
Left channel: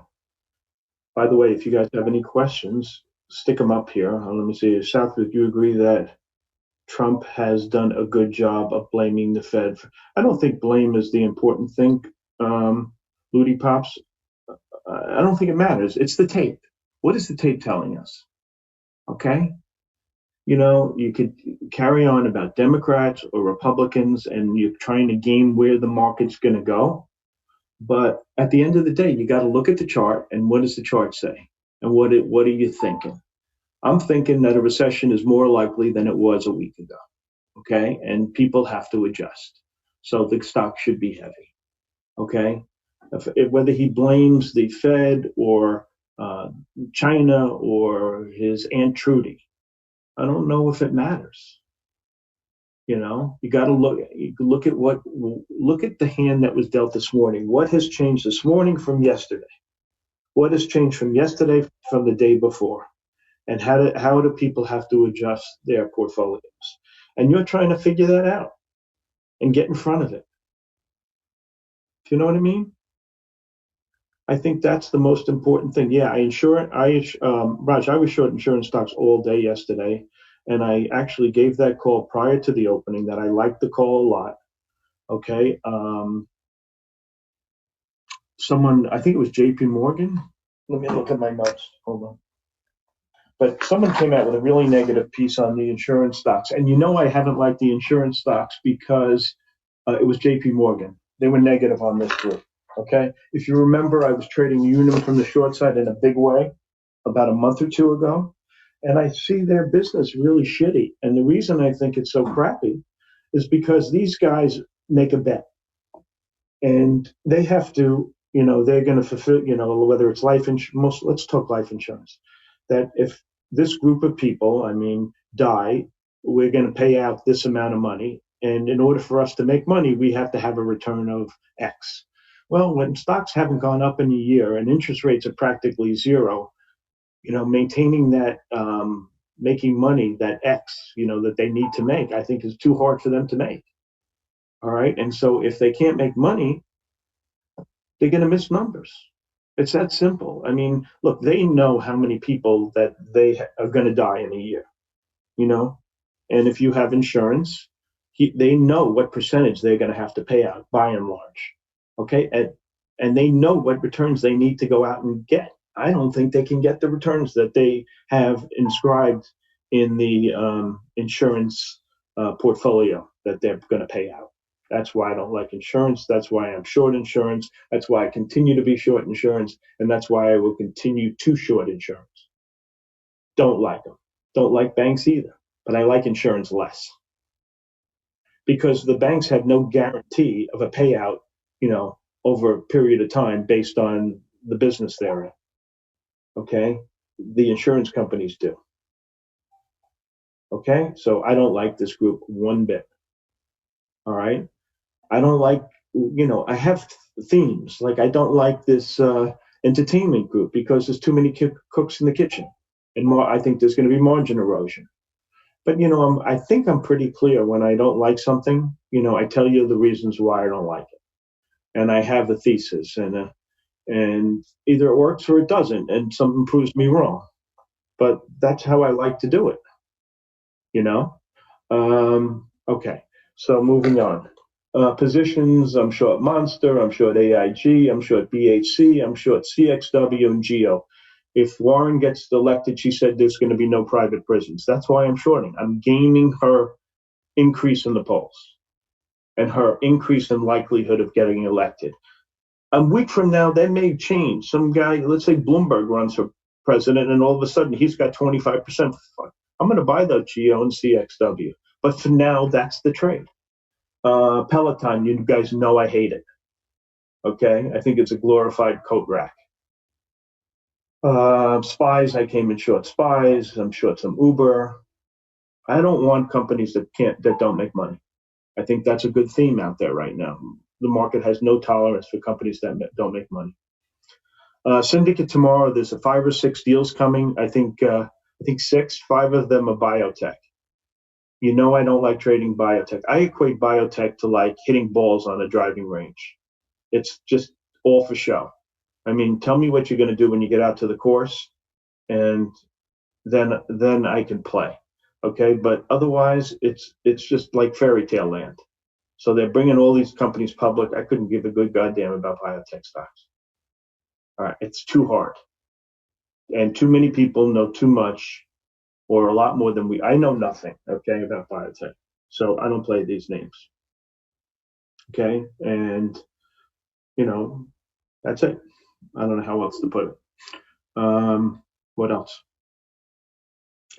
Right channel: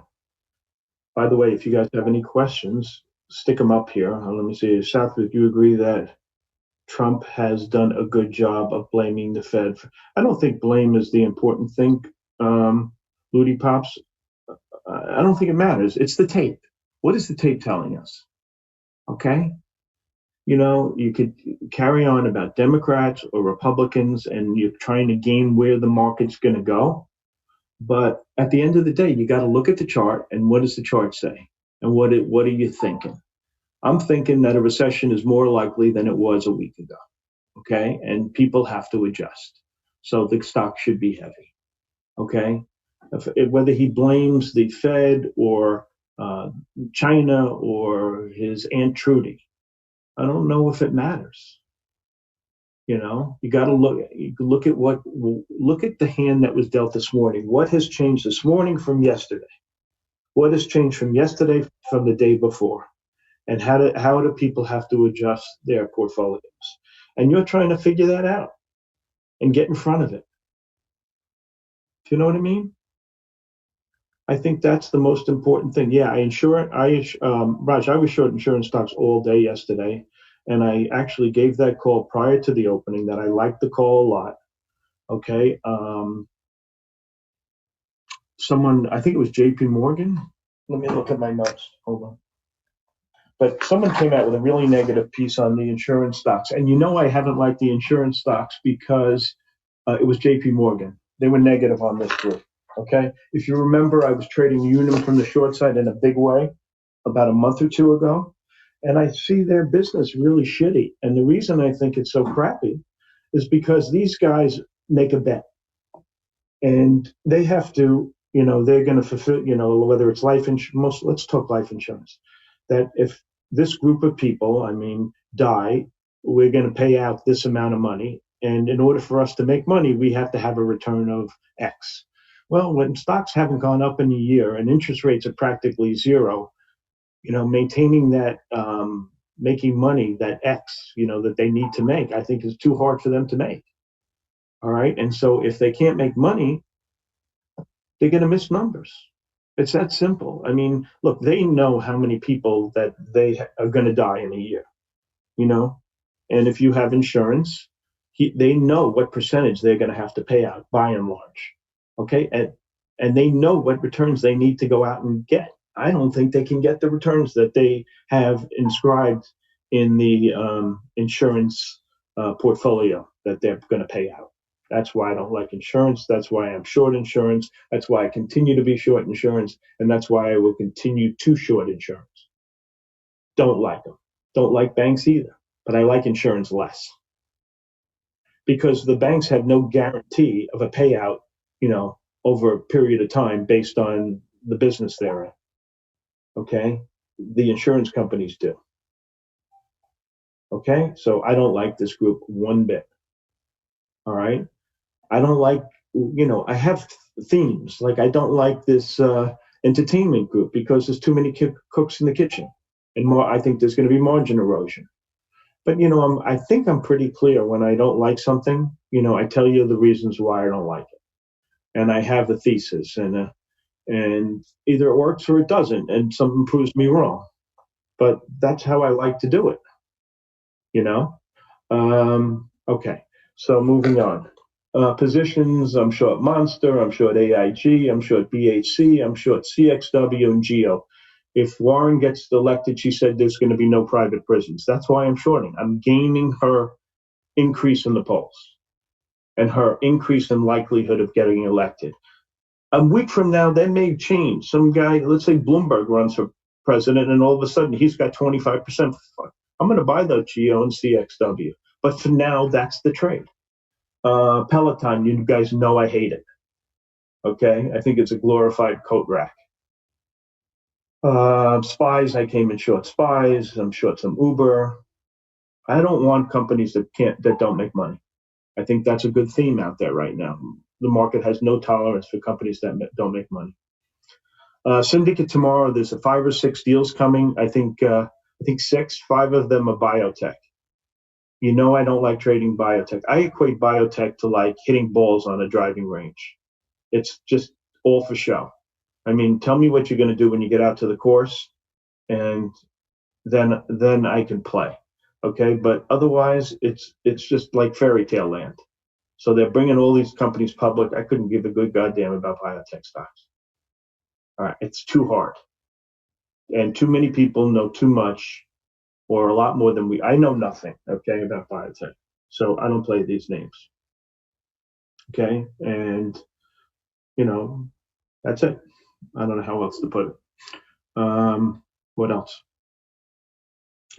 By the way, if you guys have any questions, stick them up here. Let me see. Southwood, do you agree that Trump has done a good job of blaming the Fed? I don't think blame is the important thing, Ludi Pops. I don't think it matters. It's the tape. What is the tape telling us? Okay? You know, you could carry on about Democrats or Republicans, and you're trying to game where the market's going to go. But at the end of the day, you got to look at the chart, and what does the chart say? And what are you thinking? I'm thinking that a recession is more likely than it was a week ago. Okay, and people have to adjust. So the stock should be heavy. Okay, whether he blames the Fed or China or his Aunt Trudy, I don't know if it matters. You know, you got to look at the hand that was dealt this morning. What has changed this morning from yesterday? What has changed from yesterday from the day before? And how do people have to adjust their portfolios? And you're trying to figure that out and get in front of it. Do you know what I mean? I think that's the most important thing. Yeah, Raj, I was short insurance stocks all day yesterday. And I actually gave that call prior to the opening that I liked the call a lot. Okay. Someone, I think it was JP Morgan. Let me look at my notes. Hold on. But someone came out with a really negative piece on the insurance stocks. And you know I haven't liked the insurance stocks because it was JP Morgan. They were negative on this group. Okay. If you remember, I was trading Unum from the short side in a big way about a month or two ago. And I see their business really shitty. And the reason I think it's so crappy is because these guys make a bet. And they have to, you know, they're going to fulfill, you know, whether it's life insurance, let's talk life insurance. That if this group of people, die, we're going to pay out this amount of money. And in order for us to make money, we have to have a return of X. Well, when stocks haven't gone up in a year and interest rates are practically zero, you know, maintaining that, making money, that X, you know, that they need to make, I think is too hard for them to make. All right. And so if they can't make money, they're going to miss numbers. It's that simple. I mean, look, they know how many people that they are going to die in a year, you know, and if you have insurance, they know what percentage they're going to have to pay out by and large. Okay. And they know what returns they need to go out and get. I don't think they can get the returns that they have inscribed in the insurance portfolio that they're going to pay out. That's why I don't like insurance. That's why I'm short insurance. That's why I continue to be short insurance. And that's why I will continue to short insurance. Don't like them. Don't like banks either. But I like insurance less. Because the banks have no guarantee of a payout, you know, over a period of time based on the business they're in. Okay, the insurance companies do. Okay, so I don't like this group one bit. All right, I don't like, you know, I have themes. Like I don't like this entertainment group because there's too many cooks in the kitchen, and more. I think there's going to be margin erosion. But you know, I think I'm pretty clear when I don't like something. You know, I tell you the reasons why I don't like it, and I have a thesis and either it works or it doesn't, and something proves me wrong. But that's how I like to do it, you know? Okay, so moving on. Positions, I'm short Monster, I'm short AIG, I'm short BHC, I'm short CXW and GEO. If Warren gets elected, she said there's going to be no private prisons. That's why I'm shorting. I'm gaining her increase in the polls and her increase in likelihood of getting elected. A week from now, they may change. Some guy, let's say Bloomberg runs for president, and all of a sudden he's got 25%. I'm going to buy the GEO and CXW. But for now, that's the trade. Peloton, you guys know I hate it. Okay, I think it's a glorified coat rack. Spies, I came in short Spies. I'm short some Uber. I don't want companies that don't make money. I think that's a good theme out there right now. The market has no tolerance for companies that don't make money. Syndicate tomorrow, there's 5 or 6 deals coming. I think 6, 5 of them are biotech. You know I don't like trading biotech. I equate biotech to like hitting balls on a driving range. It's just all for show. I mean, tell me what you're going to do when you get out to the course, and then I can play. Okay, but otherwise, it's just like fairy tale land. So they're bringing all these companies public. I couldn't give a good goddamn about biotech stocks. All right, it's too hard, and too many people know too much, or a lot more than we. I know nothing, okay, about biotech, so I don't play these names. Okay, and that's it. I don't know how else to put it. What else?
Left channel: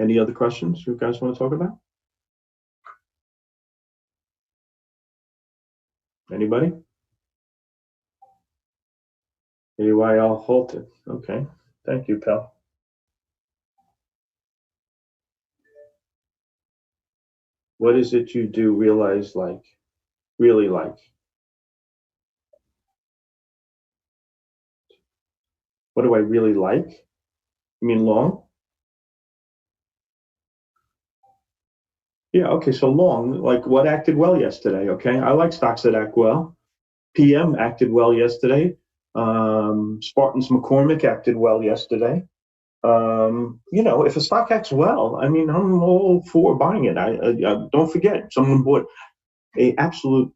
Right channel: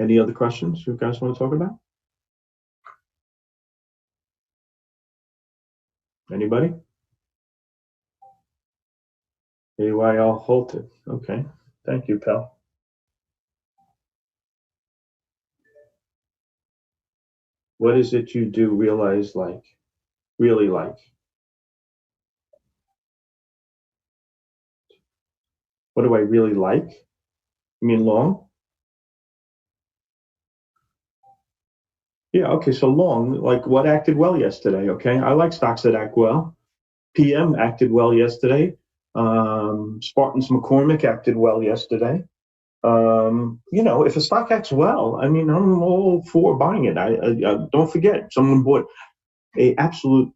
Any other questions you guys want to talk about? Anybody? AYL halted. Okay. Thank you, pal. What is it you do realize like, really like? What do I really like? You mean long? Yeah, okay, so long, like what acted well yesterday, okay? I like stocks that act well. PM acted well yesterday. Spartan's McCormick acted well yesterday. If a stock acts well, I mean, I'm all for buying it. I don't forget, someone bought a absolute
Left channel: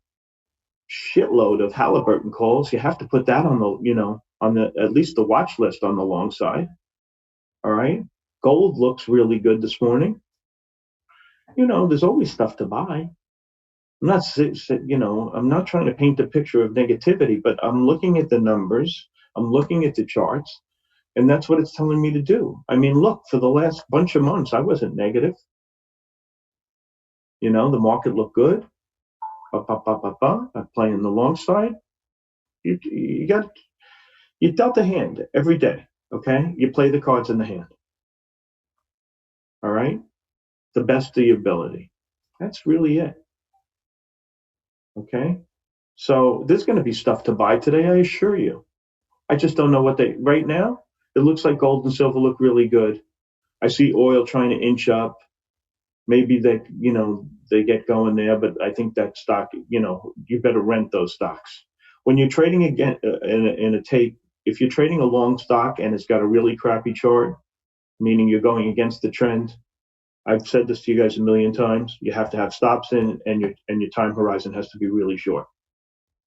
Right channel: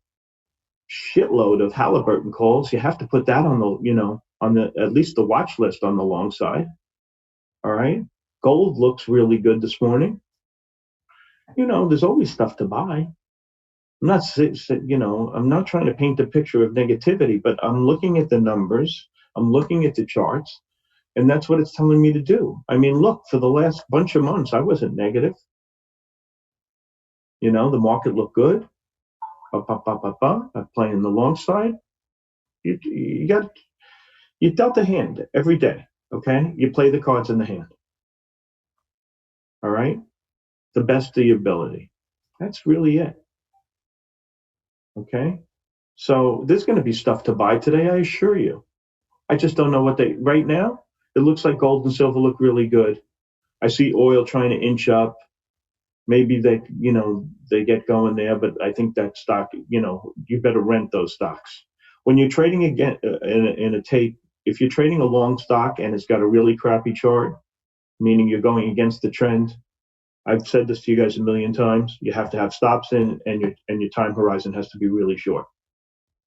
shitload of Halliburton calls. You have to put that on the at least the watch list on the long side. All right. Gold looks really good this morning. There's always stuff to buy. I'm not trying to paint a picture of negativity, but I'm looking at the numbers. I'm looking at the charts, and that's what it's telling me to do. I mean, look, for the last bunch of months, I wasn't negative. The market looked good. I'm playing the long side. You dealt a hand every day, okay? You play the cards in the hand. All right? The best of your ability. That's really it. Okay? So there's going to be stuff to buy today, I assure you. I just don't know right now, it looks like gold and silver look really good. I see oil trying to inch up. Maybe they get going there, but I think that stock, you better rent those stocks. When you're trading again in a tape, if you're trading a long stock and it's got a really crappy chart, meaning you're going against the trend, I've said this to you guys a million times. You have to have stops in, and your time horizon has to be really short.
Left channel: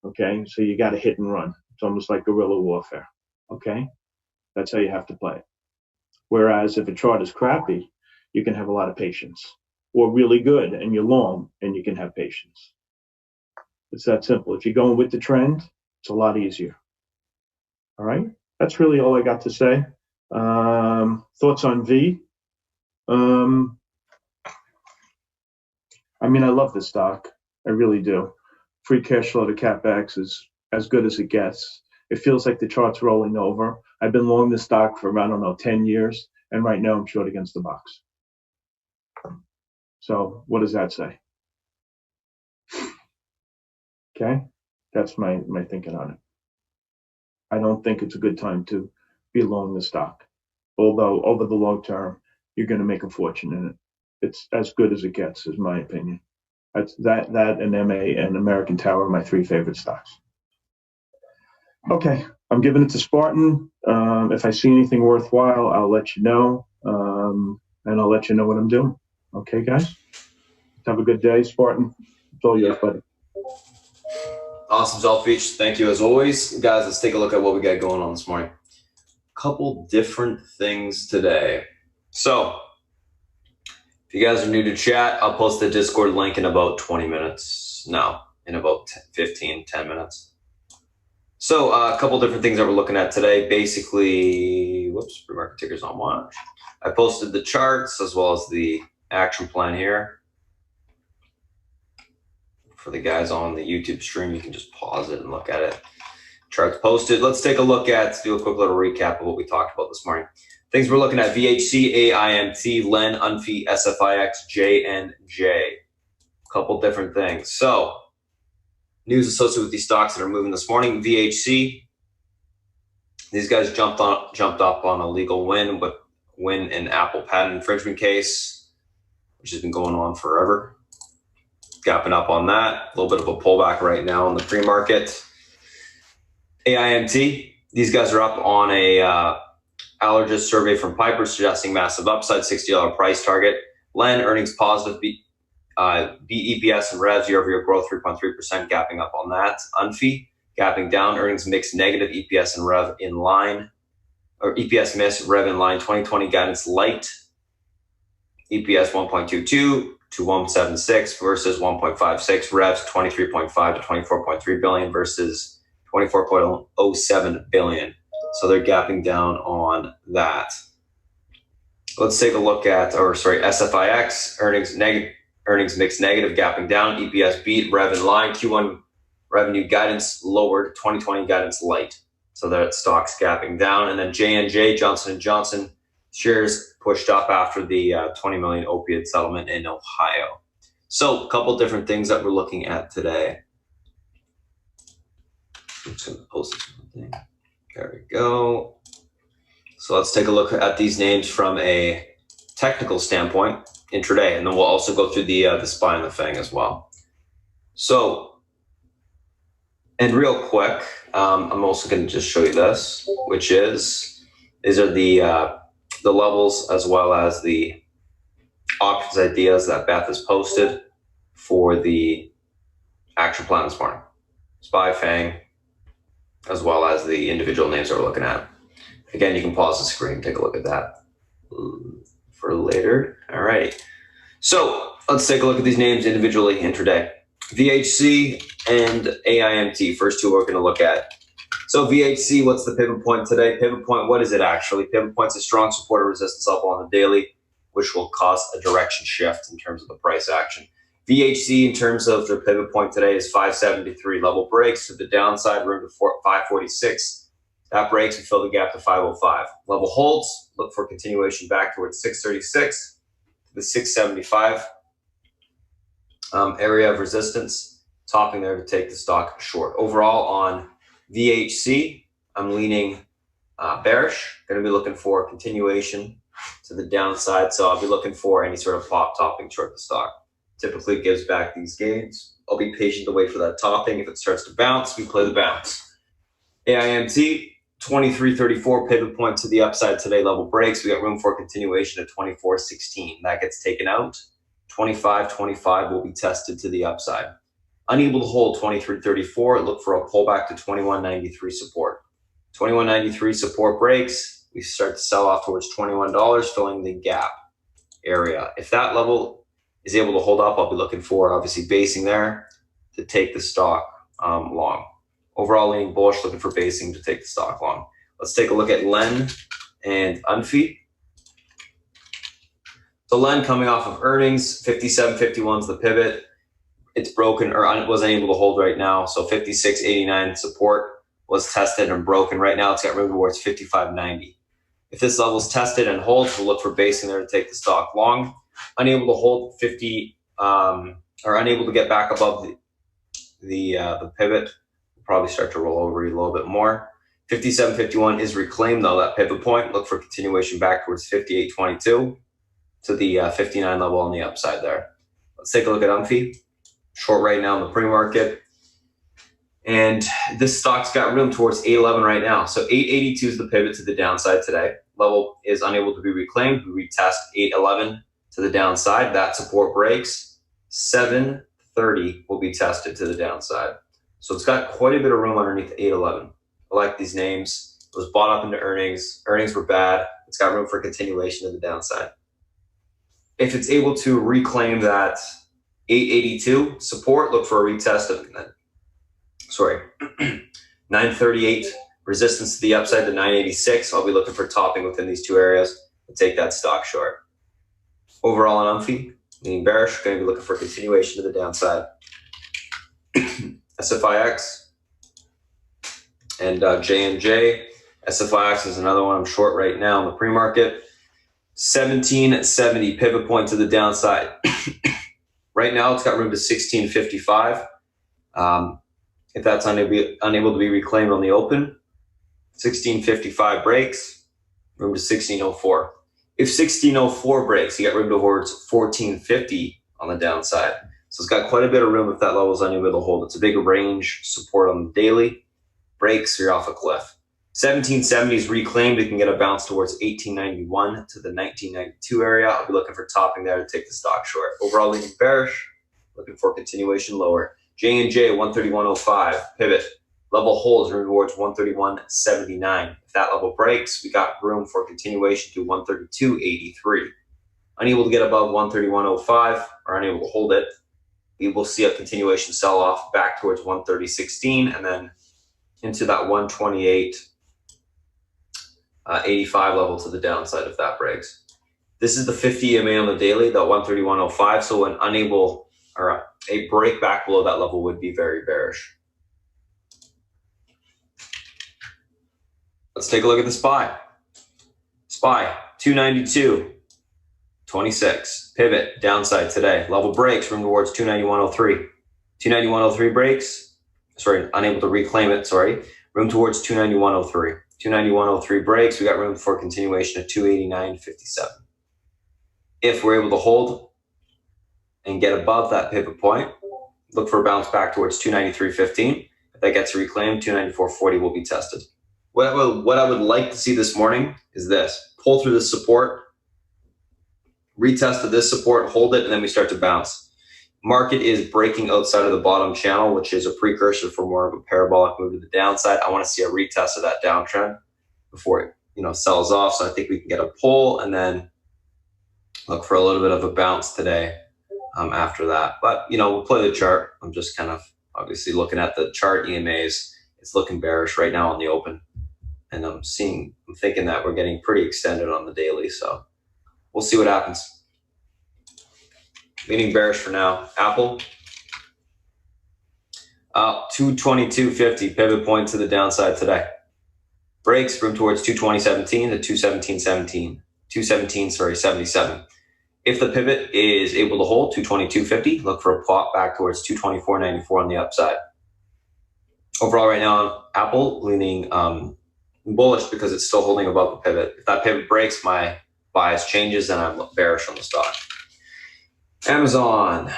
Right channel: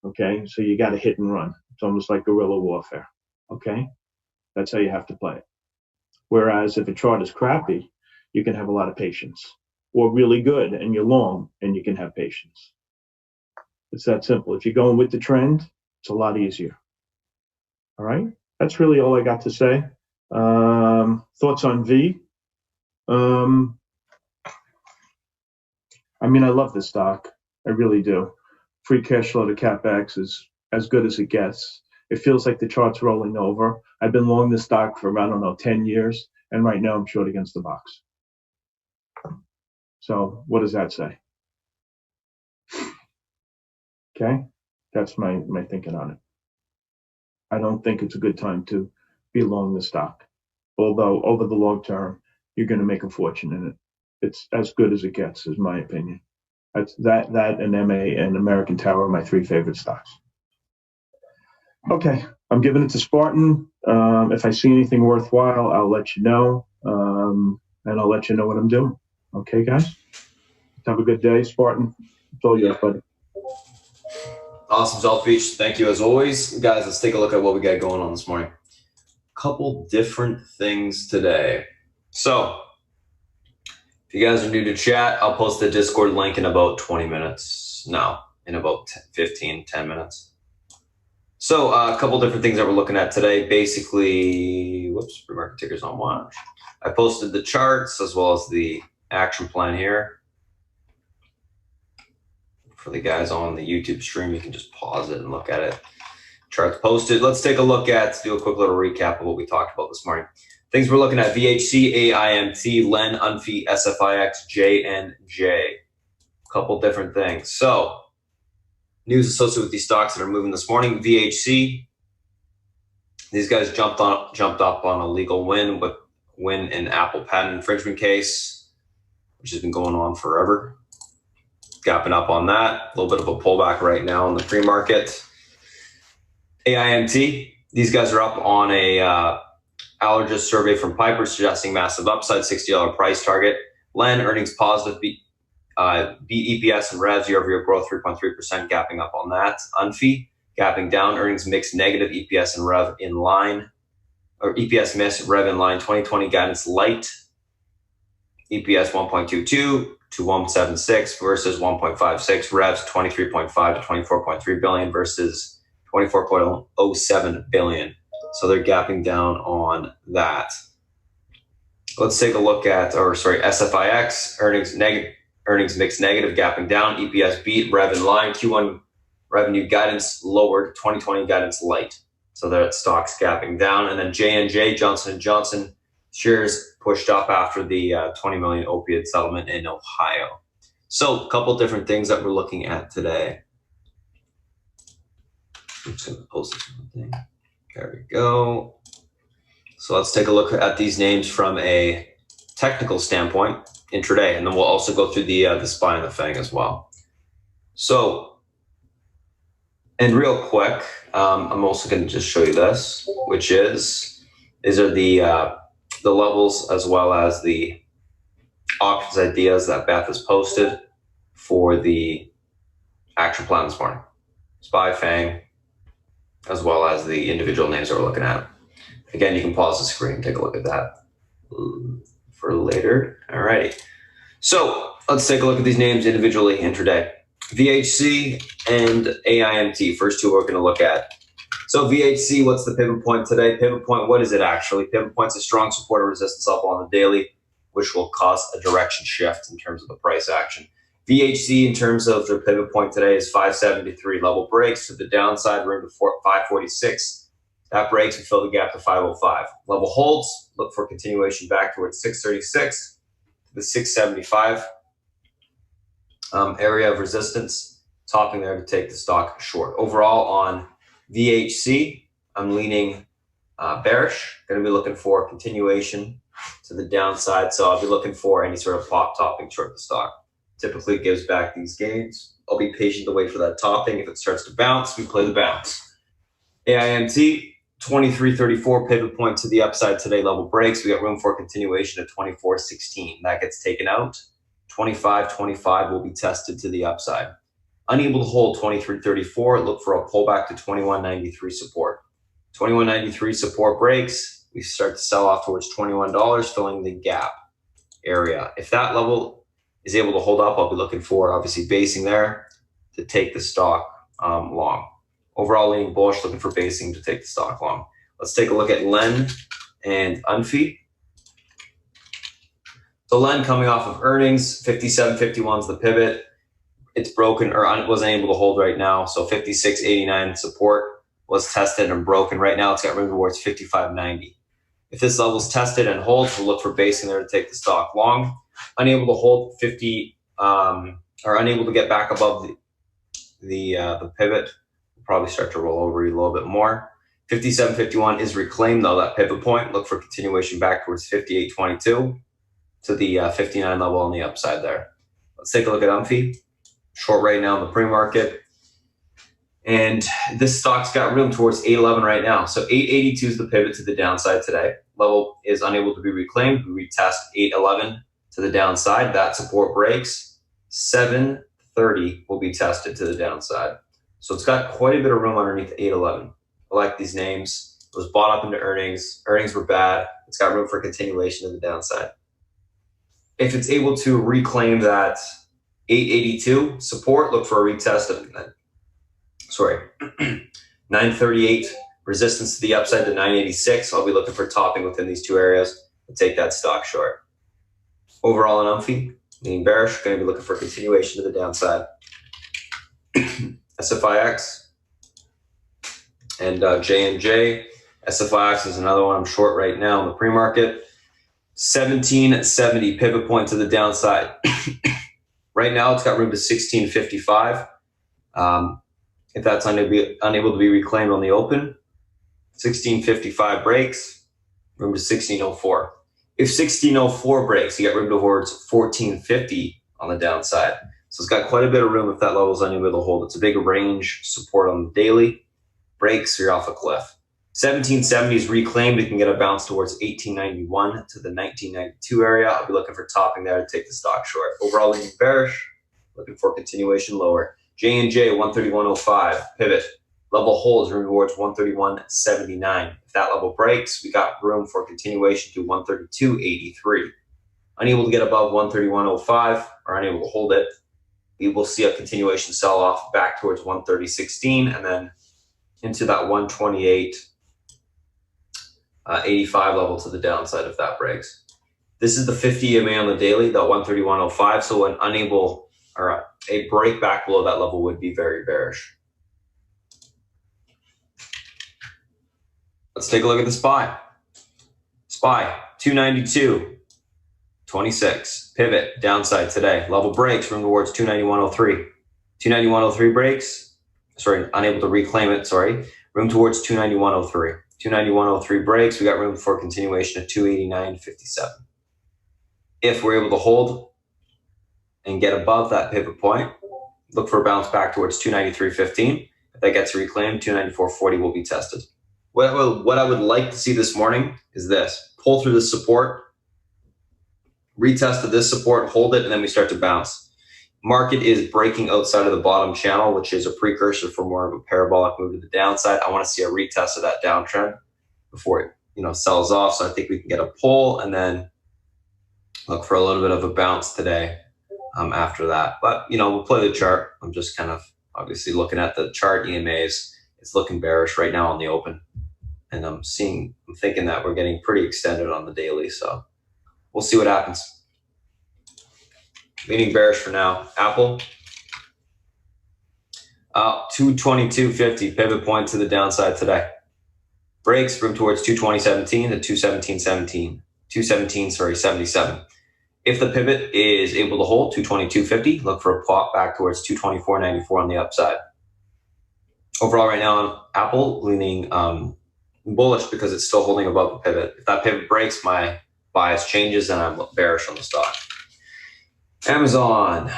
Okay, so you got to hit and run. It's almost like guerrilla warfare. Okay, that's how you have to play it. Whereas if a chart is crappy, you can have a lot of patience, or really good and you're long and you can have patience. It's that simple. If you're going with the trend, it's a lot easier. All right, that's really all I got to say. Thoughts on V? I mean, I love this stock. I really do. Free cash flow to CapEx is as good as it gets. It feels like the chart's rolling over. I've been long this stock for, 10 years, and right now I'm short against the box. So what does that say? Okay, that's my thinking on it. I don't think it's a good time to be long the stock, although over the long term, you're going to make a fortune in it. It's as good as it gets, is my opinion. That's that and MA and American Tower are my 3 favorite stocks. Okay, I'm giving it to Spartan. If I see anything worthwhile, I'll let you know, and I'll let you know what I'm doing. Okay, guys? Have a good day, Spartan. It's all yours, buddy. Awesome, Zolfich. Thank you as always. Guys, let's take a look at what we got going on this morning. Couple different things today. So, if you guys are new to chat, I'll post the Discord link in about 20 minutes. No, in about 10 minutes. So a couple different things that we're looking at today. Basically, whoops, pre-market tickers on watch. I posted the charts as well as the action plan here. For the guys on the YouTube stream, you can just pause it and look at it. Charts posted. Let's take a look at, do a quick little recap of what we talked about this morning. Things we're looking at: VHC, AIMT, LEN, UNFI, SFIX, JNJ. A couple different things. So, news associated with these stocks that are moving this morning. VHC, these guys jumped up on a legal win in Apple patent infringement case, which has been going on forever. Gapping up on that. A little bit of a pullback right now in the pre-market. AIMT, these guys are up on a allergist survey from Piper suggesting massive upside, $60 price target. LEN, earnings positive, beat EPS and revs, year-over-year growth 3.3%, gapping up on that. UNFI, gapping down, earnings mixed negative, EPS and rev in line, or EPS miss, rev in line. 2020 guidance light, EPS 1.22 to 176 versus 1.56, revs 23.5 to 24.3 billion versus 24.07 billion. So they're gapping down on that. Let's take a look at, SFIX, earnings mixed negative, gapping down, EPS beat, rev in line, Q1 revenue guidance lowered, 2020 guidance light. So that stock's gapping down. And then J&J, Johnson & Johnson, shares pushed up after the 20 million opioid settlement in Ohio. So a couple different things that we're looking at today. I'm just going to post something. There we go. So let's take a look at these names from a technical standpoint intraday, and then we'll also go through the SPY and the FANG as well. So, and real quick, I'm also going to just show you this, which is these are the levels as well as the options ideas that Beth has posted for the action plan this morning. SPY, FANG, as well as the individual names that we're looking at. Again, you can pause the screen, take a look at that for later. All right. So let's take a look at these names individually intraday. VHC and AIMT, first two we're going to look at. So VHC, what's the pivot point today? Pivot point, what is it actually? Pivot point's a strong support or resistance up on the daily, which will cause a direction shift in terms of the price action. VHC, in terms of their pivot point today, is 573. Level breaks to the downside, room to 546. That breaks and fill the gap to 505. Level holds, look for continuation back towards 636 to the 675 area of resistance, topping there to take the stock short. Overall on VHC, I'm leaning bearish. Going to be looking for continuation to the downside, so I'll be looking for any sort of pop topping short the stock. Typically gives back these gains. I'll be patient to wait for that topping. If it starts to bounce, we play the bounce. AIMT, 2334 pivot point to the upside today. Level breaks. We got room for continuation at 2416. That gets taken out. 2525 will be tested to the upside. Unable to hold 2334. Look for a pullback to 2193 support. 2193 support breaks. We start to sell off towards $21, filling the gap area. If that level is able to hold up, I'll be looking for obviously basing there to take the stock long. Overall leaning bullish, looking for basing to take the stock long. Let's take a look at LEN and UNFI. So LEN coming off of earnings, 57.51 is the pivot. It's broken or wasn't able to hold right now. So 56.89 support was tested and broken. Right now it's got room towards 55.90. If this level is tested and holds, we'll look for basing there to take the stock long. Unable to hold 50 or unable to get back above the pivot, we'll probably start to roll over a little bit more. 57.51 is reclaimed though, that pivot point. Look for continuation back towards 58.22 to the 59 level on the upside there. Let's take a look at UNFI. Short right now in the pre-market. And this stock's got room towards 811 right now. So 882 is the pivot to the downside today. Level is unable to be reclaimed. We retest 811 to the downside. That support breaks. 730 will be tested to the downside. So it's got quite a bit of room underneath 811. I like these names. It was bought up into earnings. Earnings were bad. It's got room for continuation to the downside. If it's able to reclaim that 882 support, look for a retest of 938 resistance to the upside to 986. I'll be looking for topping within these two areas and take that stock short. Overall on Umphy, meaning bearish, going to be looking for continuation to the downside. SFIX and J&J. SFIX is another one I'm short right now in the pre-market. 1770 pivot point to the downside. Right now it's got room to 1655. If that's unable to be reclaimed on the open, 1655 breaks, room to 1604. If 1604 breaks, you got room towards 1450 on the downside. So it's got quite a bit of room if that level is unable to hold. It's a big range support on the daily. Breaks, you're off a cliff. 1770 is reclaimed. It can get a bounce towards 1891 to the 1992 area. I'll be looking for topping there to take the stock short. Overall, leaning bearish, looking for continuation lower. J&J 131.05 pivot. Level holds room towards 131.79. If that level breaks, we got room for continuation to 132.83. Unable to get above 131.05 or unable to hold it, we will see a continuation sell-off back towards 130.16 and then into that 128.85 level to the downside if that breaks. This is the 50 EMA on the daily, the 131.05. So when unable or a break back below that level would be very bearish. Let's take a look at the SPY. SPY 292.26 pivot downside today. Level breaks room towards 291.03. 291.03 breaks. Sorry, unable to reclaim it. Sorry, room towards 291.03. 291.03 breaks. We got room for continuation of 289.57. If we're able to hold and get above that pivot point, look for a bounce back towards 293.15. If that gets reclaimed, 294.40 will be tested. What I would like to see this morning is this. Pull through this support, retest to this support, hold it, and then we start to bounce. Market is breaking outside of the bottom channel, which is a precursor for more of a parabolic move to the downside. I want to see a retest of that downtrend before it sells off. So I think we can get a pull and then look for a little bit of a bounce today after that. But, we'll play the chart. I'm just kind of obviously looking at the chart EMAs. It's looking bearish right now on the open. And I'm thinking that we're getting pretty extended on the daily. So we'll see what happens. Leaning bearish for now. Apple, 222.50 pivot point to the downside today. Breaks room towards 220.17 to 217.77. If the pivot is able to hold 222.50, look for a pop back towards 224.94 on the upside. Overall right now on Apple, leaning bullish because it's still holding above the pivot. If that pivot breaks, my bias changes and I'm bearish on the stock. Amazon.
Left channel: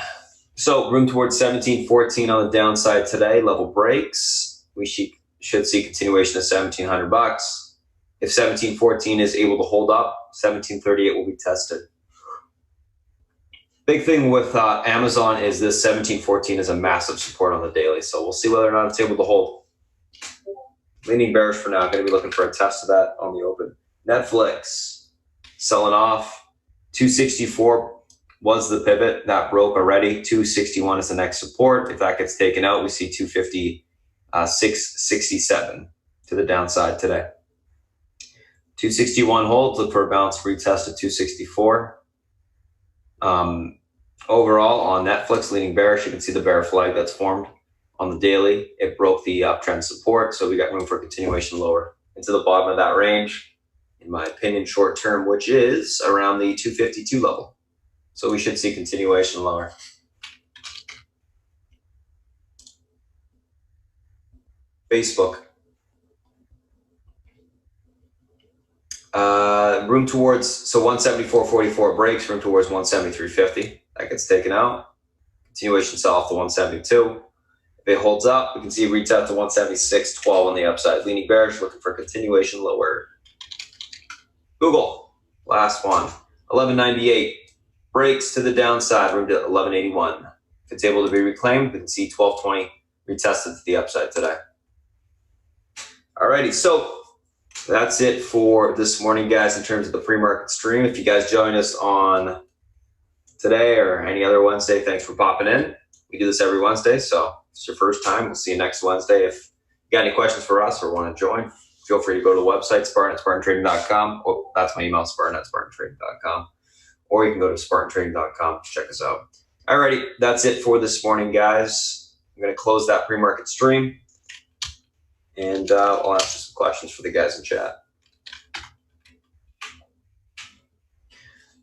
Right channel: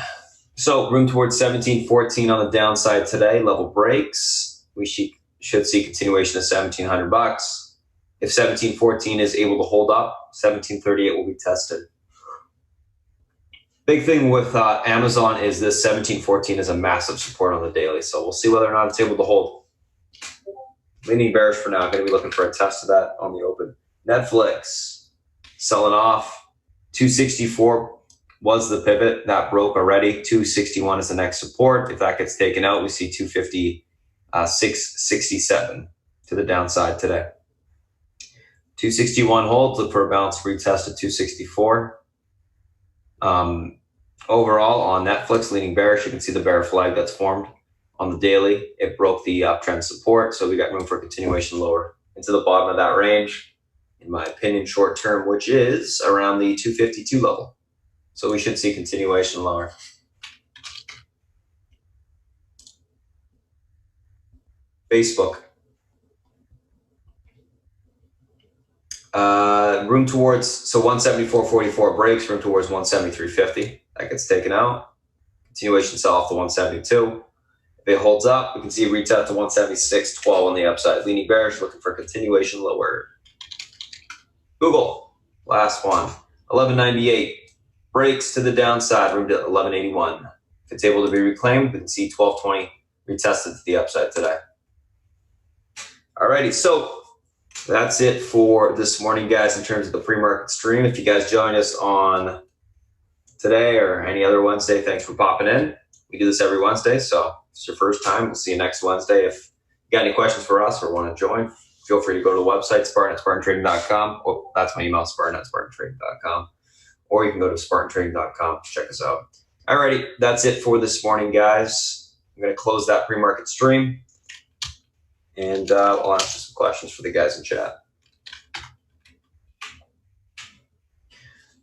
So room towards 17.14 on the downside today. Level breaks. We should see continuation of $1,700. If 17.14 is able to hold up, 17.38 will be tested. Big thing with Amazon is this 17.14 is a massive support on the daily. So we'll see whether or not it's able to hold. Leaning bearish for now. Going to be looking for a test of that on the open. Netflix selling off. 264 was the pivot that broke already. 261 is the next support. If that gets taken out, we see 256.67 to the downside today. 261 holds. Look for a bounce retest at 264. Overall on Netflix, leaning bearish. You can see the bear flag that's formed on the daily. It broke the uptrend support, so we got room for continuation lower into the bottom of that range, in my opinion, short term, which is around the 252 level. So we should see continuation lower. Facebook. Room towards, so 174.44 breaks, room towards 173.50. That gets taken out. Continuation sell off to 172. If it holds up, we can see a retest to 176.12 on the upside. Leaning bearish, looking for continuation lower. Google, last one, 11.98. Breaks to the downside, room to 11.81. If it's able to be reclaimed, we can see 12.20 retested to the upside today. Alrighty, so that's it for this morning, guys, in terms of the pre-market stream. If you guys join us on today or any other Wednesday, thanks for popping in. We do this every Wednesday, so if it's your first time, we'll see you next Wednesday. If got any questions for us or want to join, feel free to go to the website, Spartan@SpartanTrading.com. Oh, that's my email, Spartan@SpartanTrading.com. Or you can go to SpartanTrading.com to check us out. Alrighty, that's it for this morning, guys. I'm going to close that pre-market stream, and I'll answer some questions for the guys in chat.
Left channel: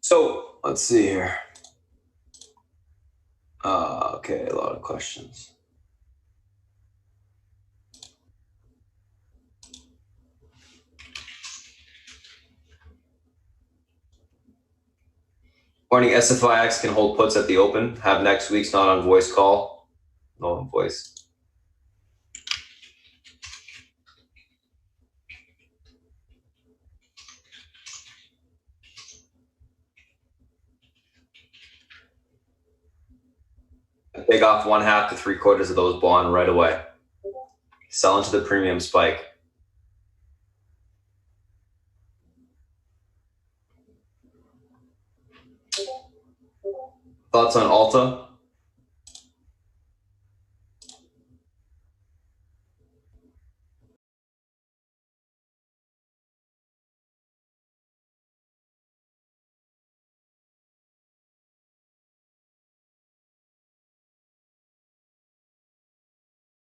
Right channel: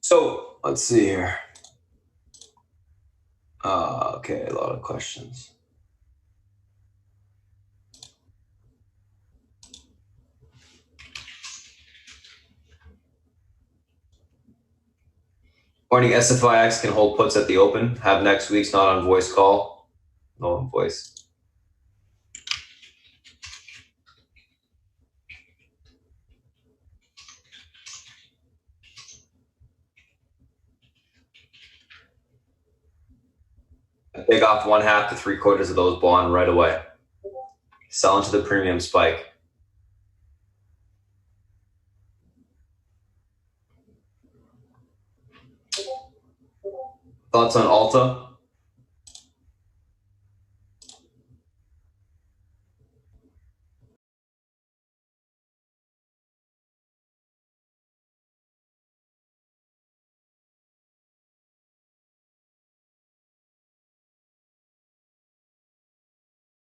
So let's see here. Okay, a lot of questions. Morning, SFIX can hold puts at the open. Have next week's not on voice call. No on voice. Take off 1/2 to 3/4 of those bond right away. Sell into the premium spike. Thoughts on Alta?